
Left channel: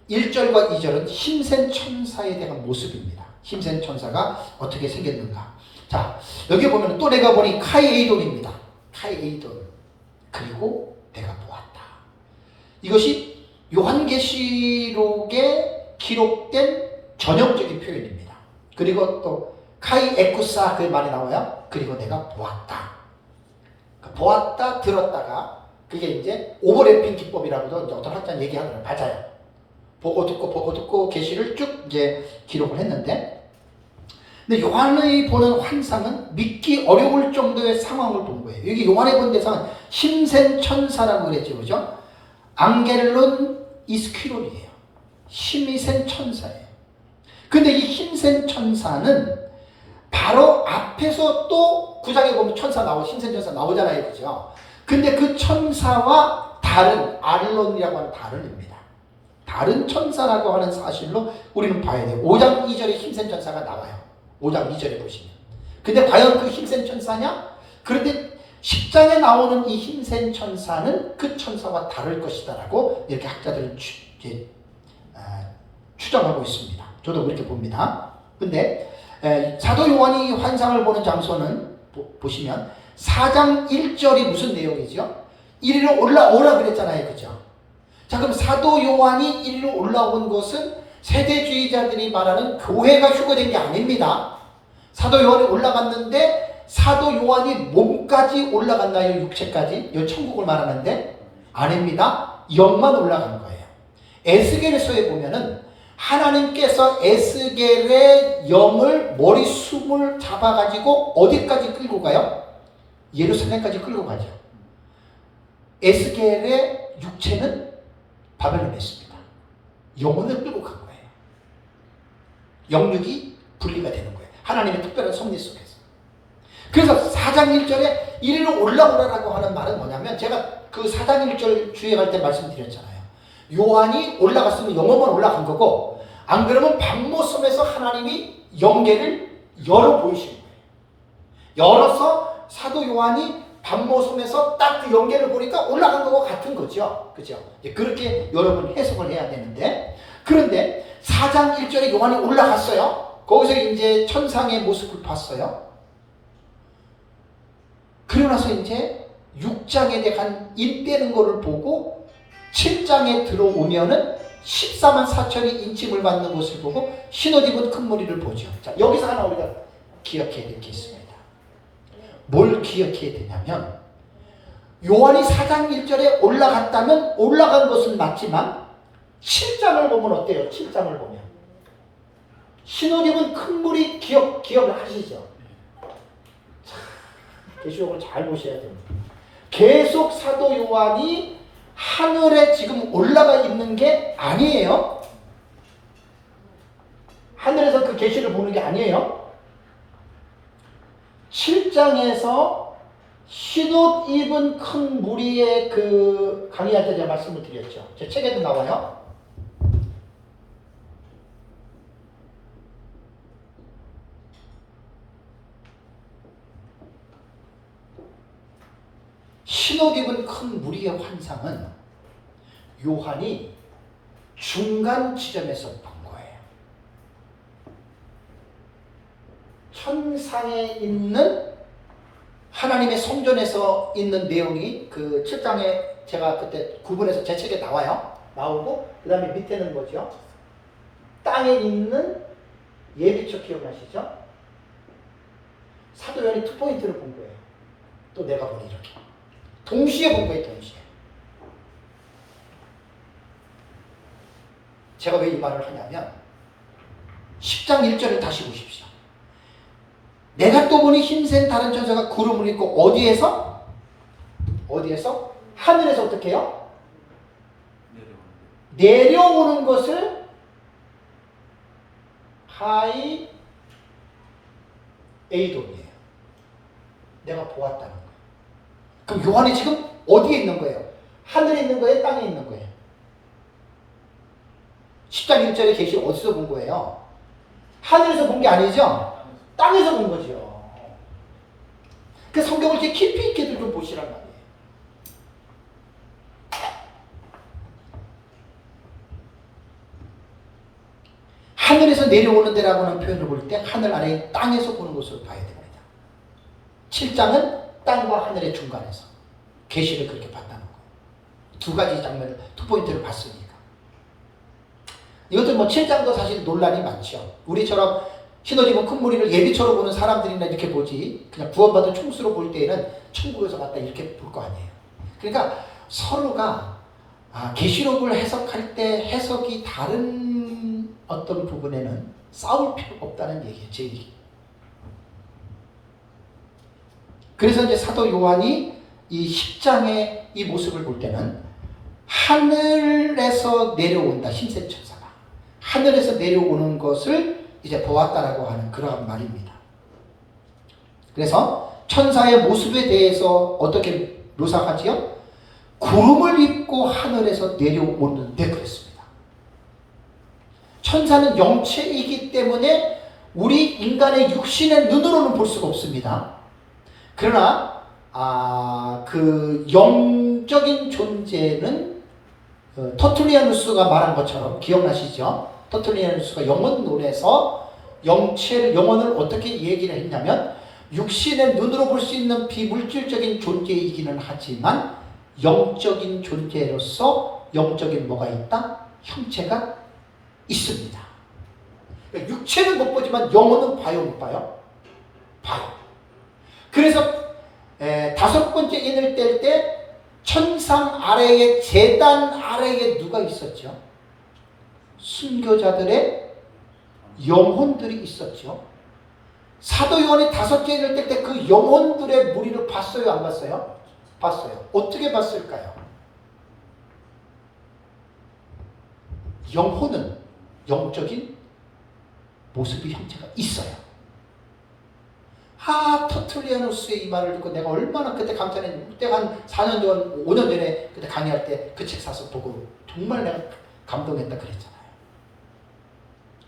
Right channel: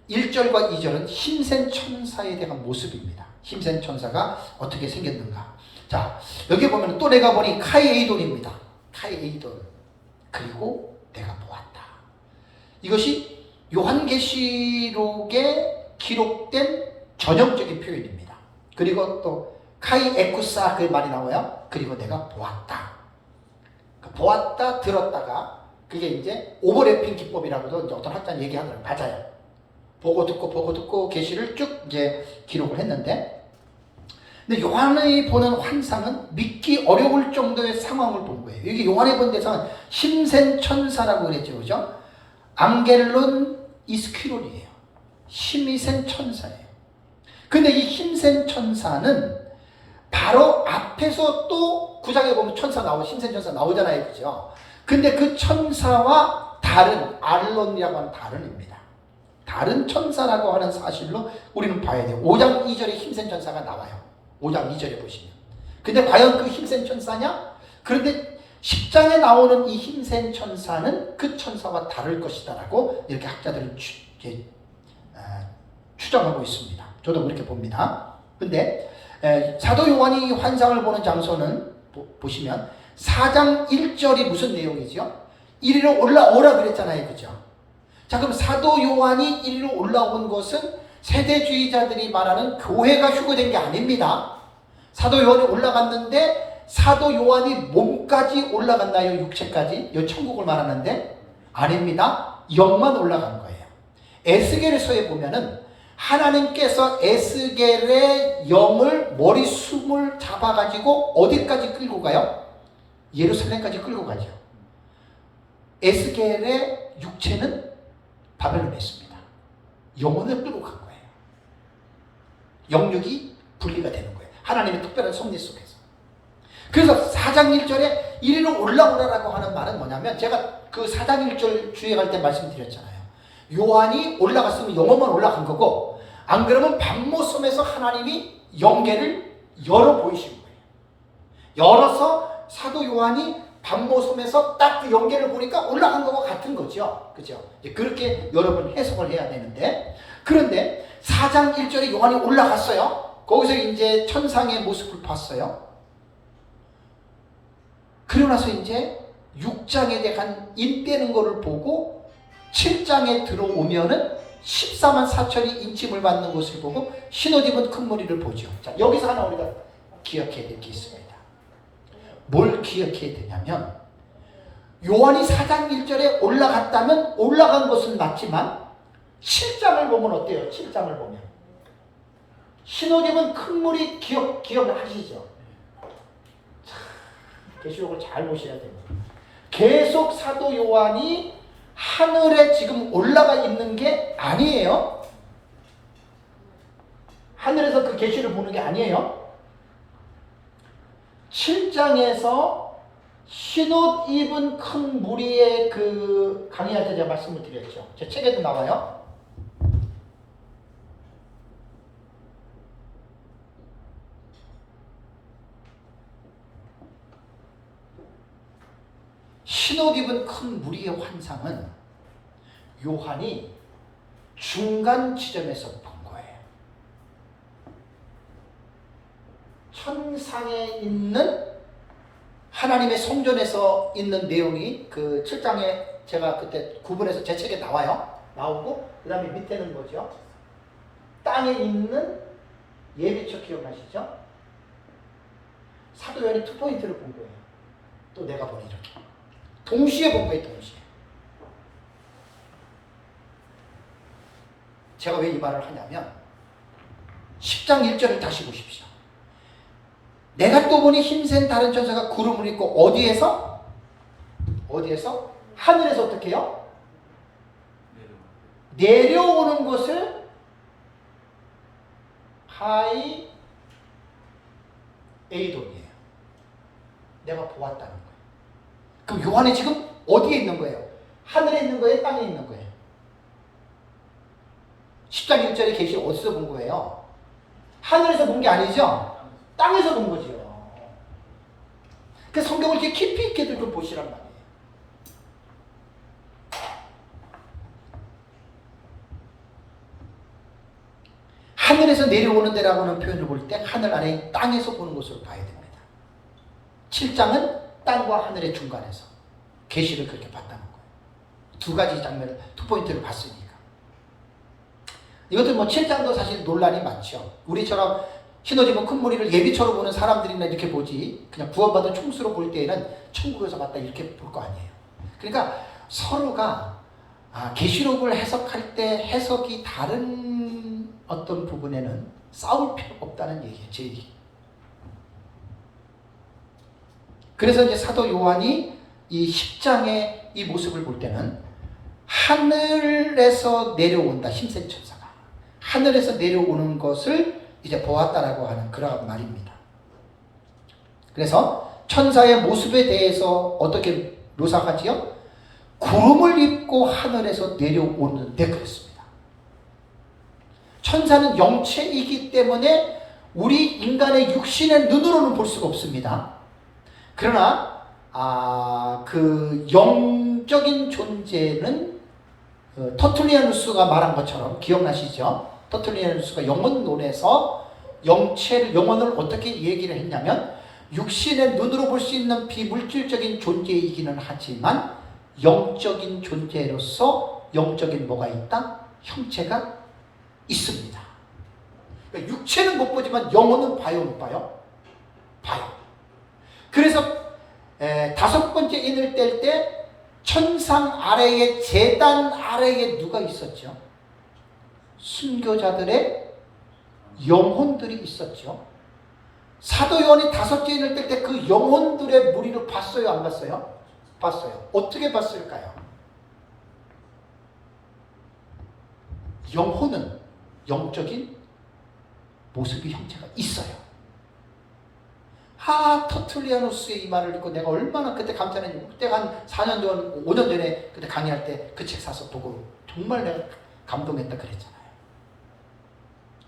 1절과 2절은 힘센 천사에 대한 모습입니다. 힘센 천사가 어떻게 생겼는가. 자, 여기 보면 또 내가 보니 카이에이돈입니다. 카이에이돈. 그리고 내가 보았다. 이것이 요한계시록에 기록된 전형적인 표현입니다. 그리고 또 카이에쿠사 그 말이 나와요. 그리고 내가 보았다. 보았다 들었다가 그게 이제 오버래핑 기법이라고도 어떤 학자는 얘기하더라고요. 맞아요. 보고 듣고 계시를 쭉 이제 기록을 했는데 근데 요한이 보는 환상은 믿기 어려울 정도의 상황을 본 거예요. 여기 요한이 본 대상은 힘센 천사라고 그랬죠. 그죠? 앙겔론 이스퀴론이에요. 힘이 센 천사예요. 근데 이 힘센 천사는 바로 앞에서 또 9장에 보면 힘센 천사 나오잖아요. 그죠? 근데 그 천사와 다른, 알론이라고 하는 다른입니다. 다른 천사라고 하는 사실로 우리는 봐야 돼요. 5장 2절에 힘센 천사가 나와요. 5장 2절에 보시면. 근데 과연 그 힘센 천사냐? 그런데 10장에 나오는 이 힘센 천사는 그 천사와 다를 것이다 라고 이렇게 학자들은 추정하고 있습니다. 저도 그렇게 봅니다. 근데 사도 요한이 이 환상을 보는 장소는 보시면 4장 1절이 무슨 내용이죠? 이리로 올라오라 그랬잖아요. 그죠? 자, 그럼 사도 요한이 이리로 올라온 것은 세대주의자들이 말하는 교회가 휴거된 게 아닙니다. 사도 요한이 올라갔는데 사도 요한이 몸까지 올라갔나요? 육체까지? 이 천국을 말하는데 아닙니다. 영만 올라간 거예요. 에스겔서에 보면은 하나님께서 에스겔의 영을 머리숨을 잡아가지고 어디까지 끌고 가요? 예루살렘까지 끌고 가죠. 에스겔의 육체는 바벨론에 있습니다. 영혼을 끌고 간 거예요. 영육이 분리가 되는 거예요. 하나님의 특별한 섭리 속에서. 그래서 4장 1절에 이리로 올라오라라고 하는 말은 뭐냐면 제가 그 4장 1절 주의할 때 말씀드렸잖아요. 요한이 올라갔으면 영혼만 올라간 거고 안 그러면 박모섬에서 하나님이 영계를 열어 보이신 거예요. 열어서 사도 요한이 박모섬에서 딱 그 영계를 보니까 올라간 것과 같은 거죠. 그죠? 그렇게 여러분 해석을 해야 되는데 그런데 4장 1절에 요한이 올라갔어요. 거기서 이제 천상의 모습을 봤어요. 그리고 나서 이제 6장에 대한 인 빼는 거를 보고 7장에 들어오면은 14만 4천이 인침을 받는 것을 보고 흰옷 입은 큰 무리를 보죠. 자, 여기서 하나 우리가 기억해야 될 게 있습니다. 뭘 기억해야 되냐면 요한이 4장 1절에 올라갔다면 올라간 것은 맞지만 7장을 보면 어때요? 7장을 보면 흰옷 입은 큰 무리 기억하시죠? 계시록을 잘 보셔야 됩니다. 계속 사도 요한이 하늘에 지금 올라가 있는 게 아니에요. 하늘에서 그 계시를 보는 게 아니에요. 7장에서 흰옷 입은 큰 무리의 그 강의할 때 제가 말씀을 드렸죠. 제 책에도 나와요. 흰옷 입은 큰 무리의 환상은 요한이 중간 지점에서 본 거예요. 천상에 있는 하나님의 성전에서 있는 내용이 그 7장에 제가 그때 구분해서 제 책에 나오고 그 다음에 밑에는 뭐죠? 땅에 있는 예비처 기억나시죠? 사도 요한이 2포인트를 본 거예요. 또 내가 보니 이렇게 동시에 본 거예요. 동시에. 제가 왜 이 말을 하냐면 10장 1절을 다시 보십시오. 내가 또 보니 힘센 다른 천사가 구름을 입고 어디에서? 하늘에서 어떻게 해요? 내려오는 것을 하이 에이돔이에요. 내가 보았다는 거예요. 그럼 요한이 지금 어디에 있는 거예요? 하늘에 있는 거예요? 땅에 있는 거예요? 10장 1절의 계시 어디서 본 거예요? 하늘에서 본 게 아니죠? 땅에서 본 거죠. 그 성경을 이렇게 깊이 있게 좀 보시란 말이에요. 하늘에서 내려오는 데라고 하는 표현을 볼 때 하늘 아래 땅에서 보는 것으로 봐야 됩니다. 7장은 땅과 하늘의 중간에서 계시를 그렇게 봤다는 거예요. 두 가지 장면을, 2포인트를 봤으니까. 이것도 7장도 사실 논란이 많죠. 우리처럼 흰옷 입은 큰 무리를 예비처로 보는 사람들이나 이렇게 보지, 그냥 구원받은 총수로 볼 때에는 천국에서 봤다 이렇게 볼 거 아니에요. 그러니까 서로가 계시록을 해석할 때 해석이 다른 어떤 부분에는 싸울 필요가 없다는 얘기예요. 제 얘기. 그래서 이제 사도 요한이 이 10장의 이 모습을 볼 때는 하늘에서 내려온다. 힘센 천사가. 하늘에서 내려오는 것을 이제 보았다라고 하는 그런 말입니다. 그래서 천사의 모습에 대해서 어떻게 묘사하지요? 구름을 입고 하늘에서 내려오는데 그랬습니다. 천사는 영체이기 때문에 우리 인간의 육신의 눈으로는 볼 수가 없습니다. 그러나 그 영적인 존재는 터툴리아누스가 말한 것처럼 기억나시죠? 터툴리아누스가 영혼론에서 영혼을 어떻게 얘기를 했냐면 육신의 눈으로 볼 수 있는 비물질적인 존재이기는 하지만 영적인 존재로서 영적인 뭐가 있다? 형체가 있습니다. 그러니까 육체는 못 보지만 영혼은 봐요, 못 봐요? 봐요. 그래서 5번째 인을 뗄 때 천상 아래에 제단 아래에 누가 있었죠? 순교자들의 영혼들이 있었죠. 사도 요한이 5째 인을 뗄 때 그 영혼들의 무리를 봤어요, 안 봤어요? 봤어요. 어떻게 봤을까요? 영혼은 영적인 모습이 형체가 있어요. 터툴리아누스의 이 말을 듣고 내가 얼마나 그때 감탄했는지, 그때 한 4년 전, 5년 전에 그때 강의할 때 그 책 사서 보고 정말 내가 감동했다 그랬잖아요.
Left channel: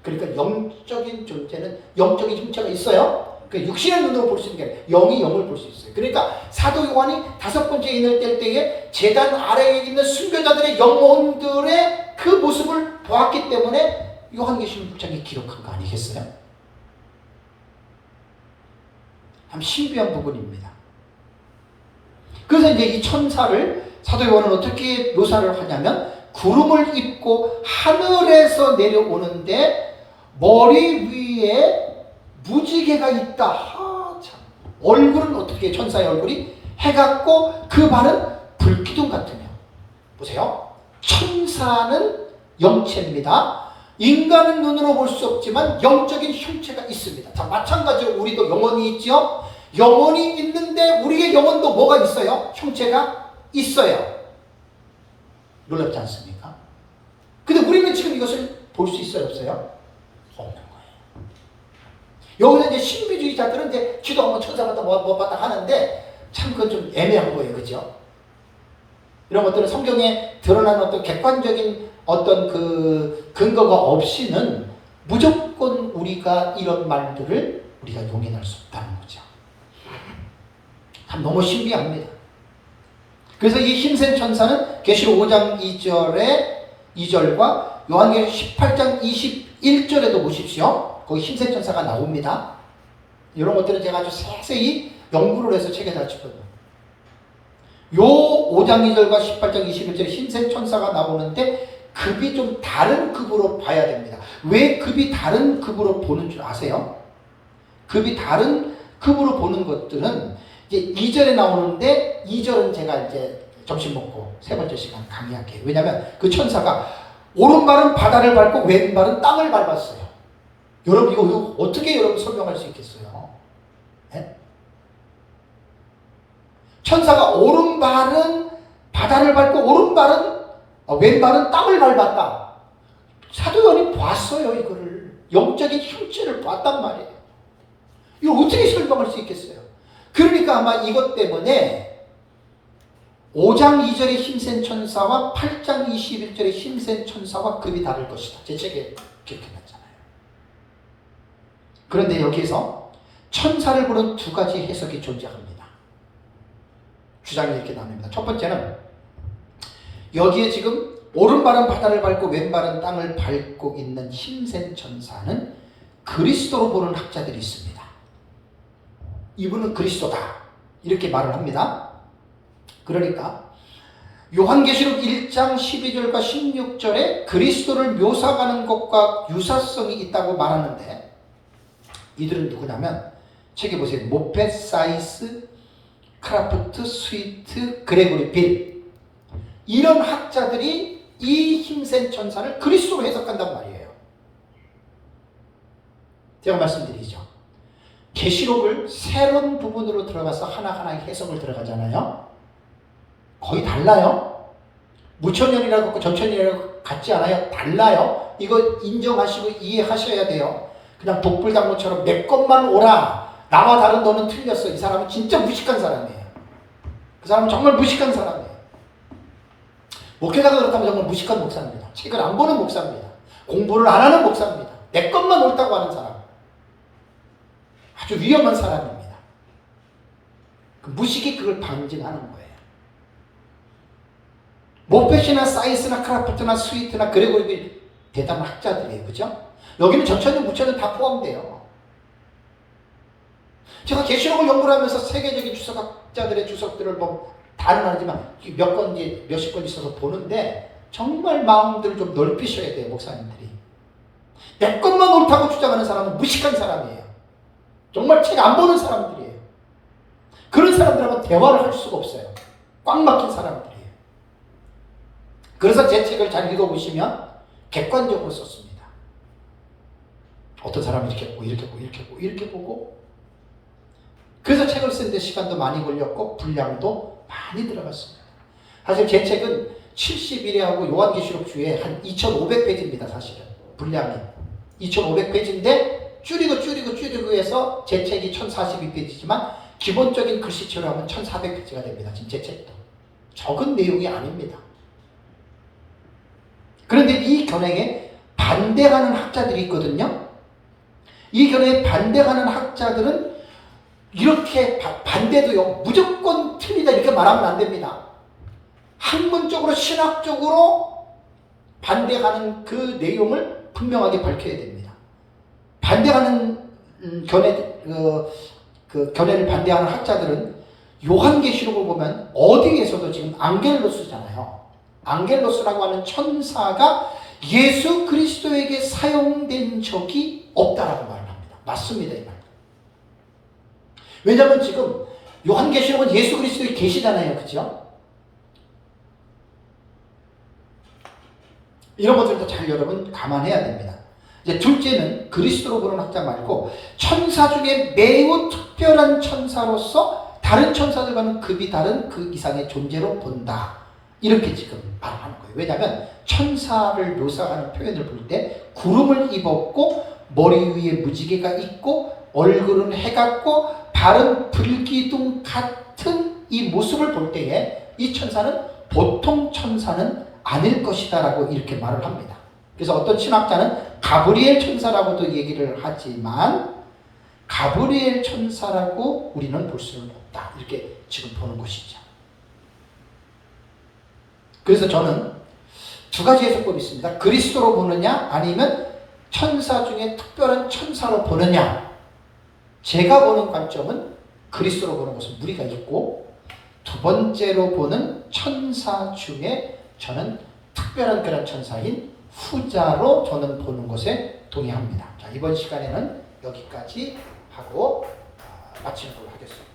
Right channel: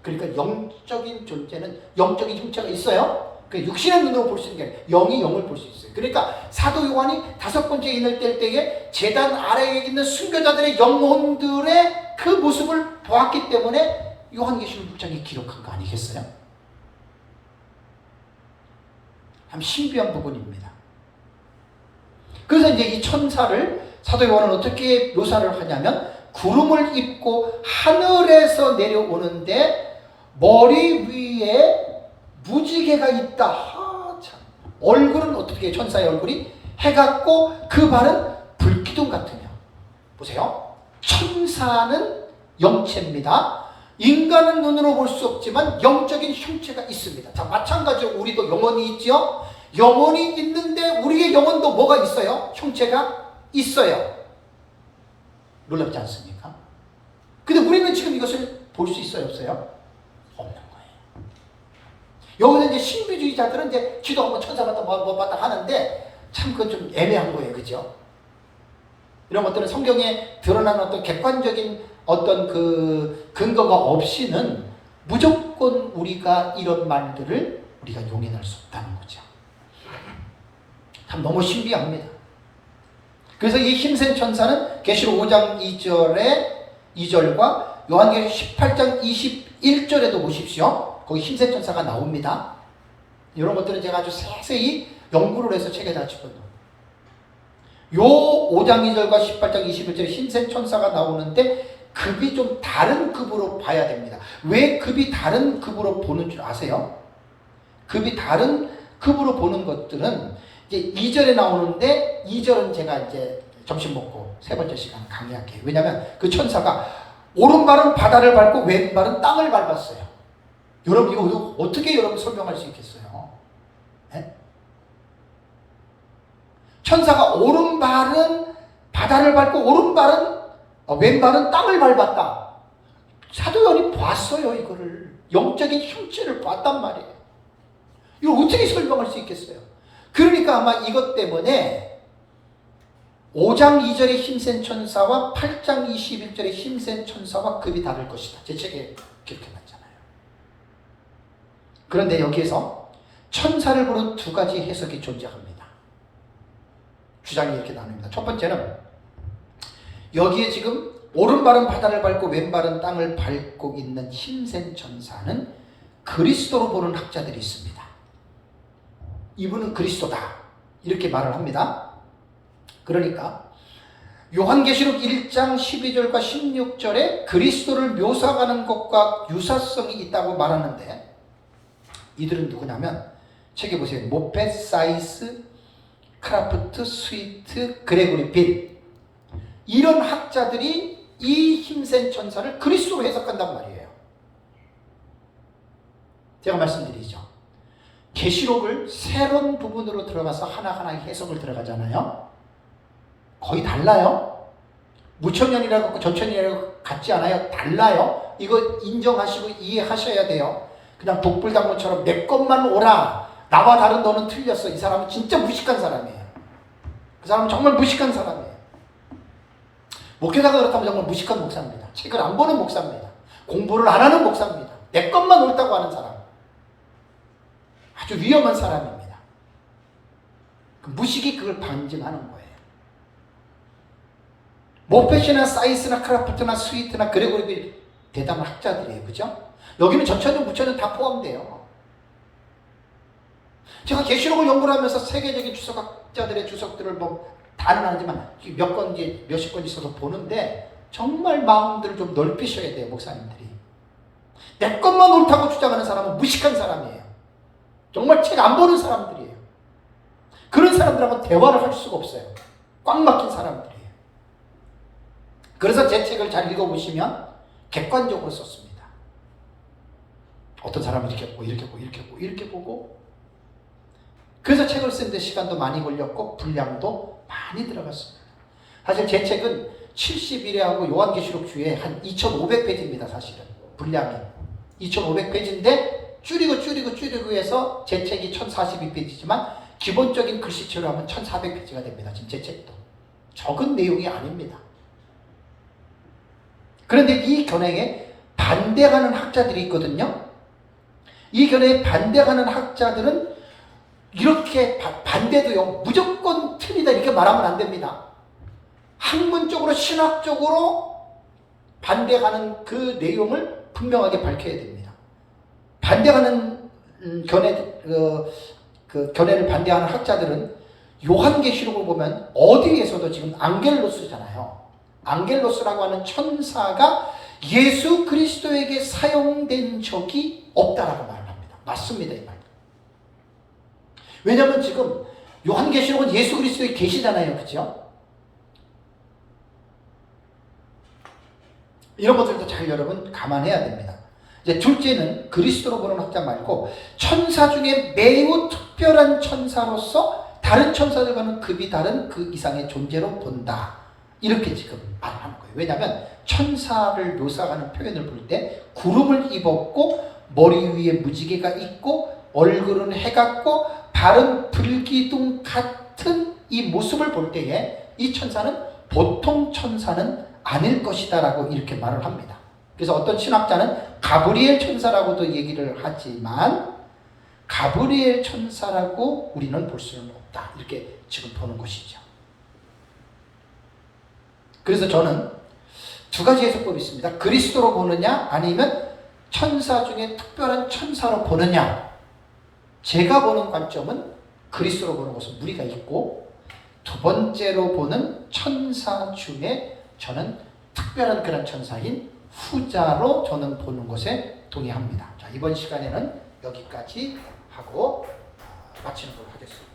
그러니까 영적인 존재는 영적인 형체가 있어요. 그 육신의 눈으로 볼 수 있는 게 아니라 영이 영을 볼 수 있어요. 그러니까 사도 요한이 5번째 인을 뗄 때에 제단 아래에 있는 순교자들의 영혼들의 그 모습을 보았기 때문에 요한계시록 6장에 기록한 거 아니겠어요? 참 신비한 부분입니다. 그래서 이제 이 천사를 사도 요한은 어떻게 묘사를 하냐면 구름을 입고 하늘에서 내려오는데 머리 위에 무지개가 있다. 참. 얼굴은 어떻게 해요? 천사의 얼굴이 해 같고 그 발은 불기둥 같으며. 보세요. 천사는 영체입니다. 인간은 눈으로 볼 수 없지만 영적인 형체가 있습니다. 자, 마찬가지로 우리도 영혼이 있죠. 영혼이 있는데 우리의 영혼도 뭐가 있어요? 형체가 있어요. 놀랍지 않습니까? 근데 우리는 지금 이것을 볼 수 있어요, 없어요? 없는 거예요. 여기서 이제 신비주의자들은 이제 기도하고 천사가 뭐 봤다 하는데 참 그건 좀 애매한 거예요, 그죠? 이런 것들은 성경에 드러난 어떤 객관적인 어떤 그 근거가 없이는 무조건 우리가 이런 말들을 우리가 용인할 수 없다는 거죠. 참 너무 신비합니다. 그래서 이 힘센 천사는 계시록 5장 2절과 요한계시록 18장 21절에도 보십시오. 거기 힘센 천사가 나옵니다. 이런 것들은 제가 아주 세세히 연구를 해서 책에 다 쳤거든요. 요 5장 2절과 18장 21절에 힘센 천사가 나오는데 급이 좀 다른 급으로 봐야 됩니다. 왜 급이 다른 급으로 보는 줄 아세요? 급이 다른 급으로 보는 것들은 이제 2절에 나오는데 2절은 제가 이제 점심 먹고 세 번째 시간 강의할게요. 왜냐하면 그 천사가 오른발은 바다를 밟고 왼발은 땅을 밟았어요. 여러분 이거 어떻게 여러분 설명할 수 있겠어요? 네? 천사가 오른발은 바다를 밟고 왼발은 땅을 밟았다. 사도요한이 봤어요. 이거를 영적인 형체를 봤단 말이에요. 이걸 어떻게 설명할 수 있겠어요? 그러니까 아마 이것 때문에 5장 2절의 힘센 천사와 8장 21절의 힘센 천사와 급이 다를 것이다. 제 책에 기록해놨잖아요. 그런데 여기에서 천사를 보는 두 가지 해석이 존재합니다. 주장이 이렇게 나눕니다. 첫 번째는 여기에 지금 오른발은 바다를 밟고 왼발은 땅을 밟고 있는 힘센 천사는 그리스도로 보는 학자들이 있습니다. 이분은 그리스도다. 이렇게 말을 합니다. 그러니까 요한계시록 1장 12절과 16절에 그리스도를 묘사하는 것과 유사성이 있다고 말하는데 이들은 누구냐면 책에 보세요. 모펫, 사이스, 크라프트, 스위트, 그레고리 빌 이런 학자들이 이 힘센 천사를 그리스도로 해석한단 말이에요. 제가 말씀드리죠. 계시록을 새로운 부분으로 들어가서 하나하나 해석을 들어가잖아요. 거의 달라요. 무천년이라고 전천년이라고 같지 않아요. 달라요. 이거 인정하시고 이해하셔야 돼요. 그냥 독불장군처럼 내 것만 오라. 나와 다른 너는 틀렸어. 이 사람은 진짜 무식한 사람이에요. 그 사람은 정말 무식한 사람이에요. 목회자가 그렇다면 정말 무식한 목사입니다. 책을 안 보는 목사입니다. 공부를 안 하는 목사입니다. 내 것만 옳다고 하는 사람. 아주 위험한 사람입니다. 그 무식이 그걸 방증하는 거예요. 모펫이나 사이스나 크라프트나 스위트나 그레고리 대단한 학자들이에요. 그죠? 여기는 전천년, 무천년 다 포함돼요. 제가 계시록을 연구를 하면서 세계적인 주석학자들의 주석들을 다는 아니지만 몇 건지 몇십 건지 있어서 보는데 정말 마음들을 좀 넓히셔야 돼요. 목사님들이. 내 것만 옳다고 주장하는 사람은 무식한 사람이에요. 정말 책 안 보는 사람들이에요. 그런 사람들하고 대화를 할 수가 없어요. 꽉 막힌 사람들이에요. 그래서 제 책을 잘 읽어보시면 객관적으로 썼습니다. 어떤 사람은 이렇게 보고 이렇게 보고 이렇게 보고 이렇게 보고 그래서 책을 쓰는데 시간도 많이 걸렸고 분량도 많이 들어갔습니다. 사실 제 책은 71회하고 요한계시록 주에 한 2,500페이지입니다. 사실은 분량이 2,500페이지인데 줄이고 해서 제 책이 1,042페이지지만 기본적인 글씨체로 하면 1,400페이지가 됩니다. 지금 제 책도 적은 내용이 아닙니다. 그런데 이 견해에 반대하는 학자들이 있거든요. 이 견해에 반대하는 학자들은 이렇게 반대도요. 무조건 틀리다 이렇게 말하면 안 됩니다. 학문적으로 신학적으로 반대하는 그 내용을 분명하게 밝혀야 됩니다. 반대하는 견해 그 견해를 반대하는 학자들은 요한계시록을 보면 어디에서도 지금 앙겔로스잖아요. 앙겔로스라고 하는 천사가 예수 그리스도에게 사용된 적이 없다라고 말을 합니다. 맞습니다, 이 말. 왜냐하면 지금 요한계시록은 예수 그리스도의 계시잖아요, 그렇죠? 이런 것들도 잘 여러분 감안해야 됩니다. 이제 둘째는 그리스도로 보는 학자 말고 천사 중에 매우 특별한 천사로서 다른 천사들과는 급이 다른 그 이상의 존재로 본다. 이렇게 지금 말하는 거예요. 왜냐하면 천사를 묘사하는 표현을 볼 때 구름을 입었고 머리 위에 무지개가 있고 얼굴은 해 같고 발은 불기둥 같은 이 모습을 볼 때에 이 천사는 보통 천사는 아닐 것이다 라고 이렇게 말을 합니다. 그래서 어떤 신학자는 가브리엘 천사라고도 얘기를 하지만 가브리엘 천사라고 우리는 볼 수는 없다. 이렇게 지금 보는 것이죠. 그래서 저는 두 가지 해석법이 있습니다. 그리스도로 보느냐 아니면 천사 중에 특별한 천사로 보느냐. 제가 보는 관점은 그리스도로 보는 것은 무리가 있고 두 번째로 보는 천사 중에 저는 특별한 그런 천사인 후자로 저는 보는 것에 동의합니다. 자, 이번 시간에는 여기까지 하고 마치는 걸로 하겠습니다.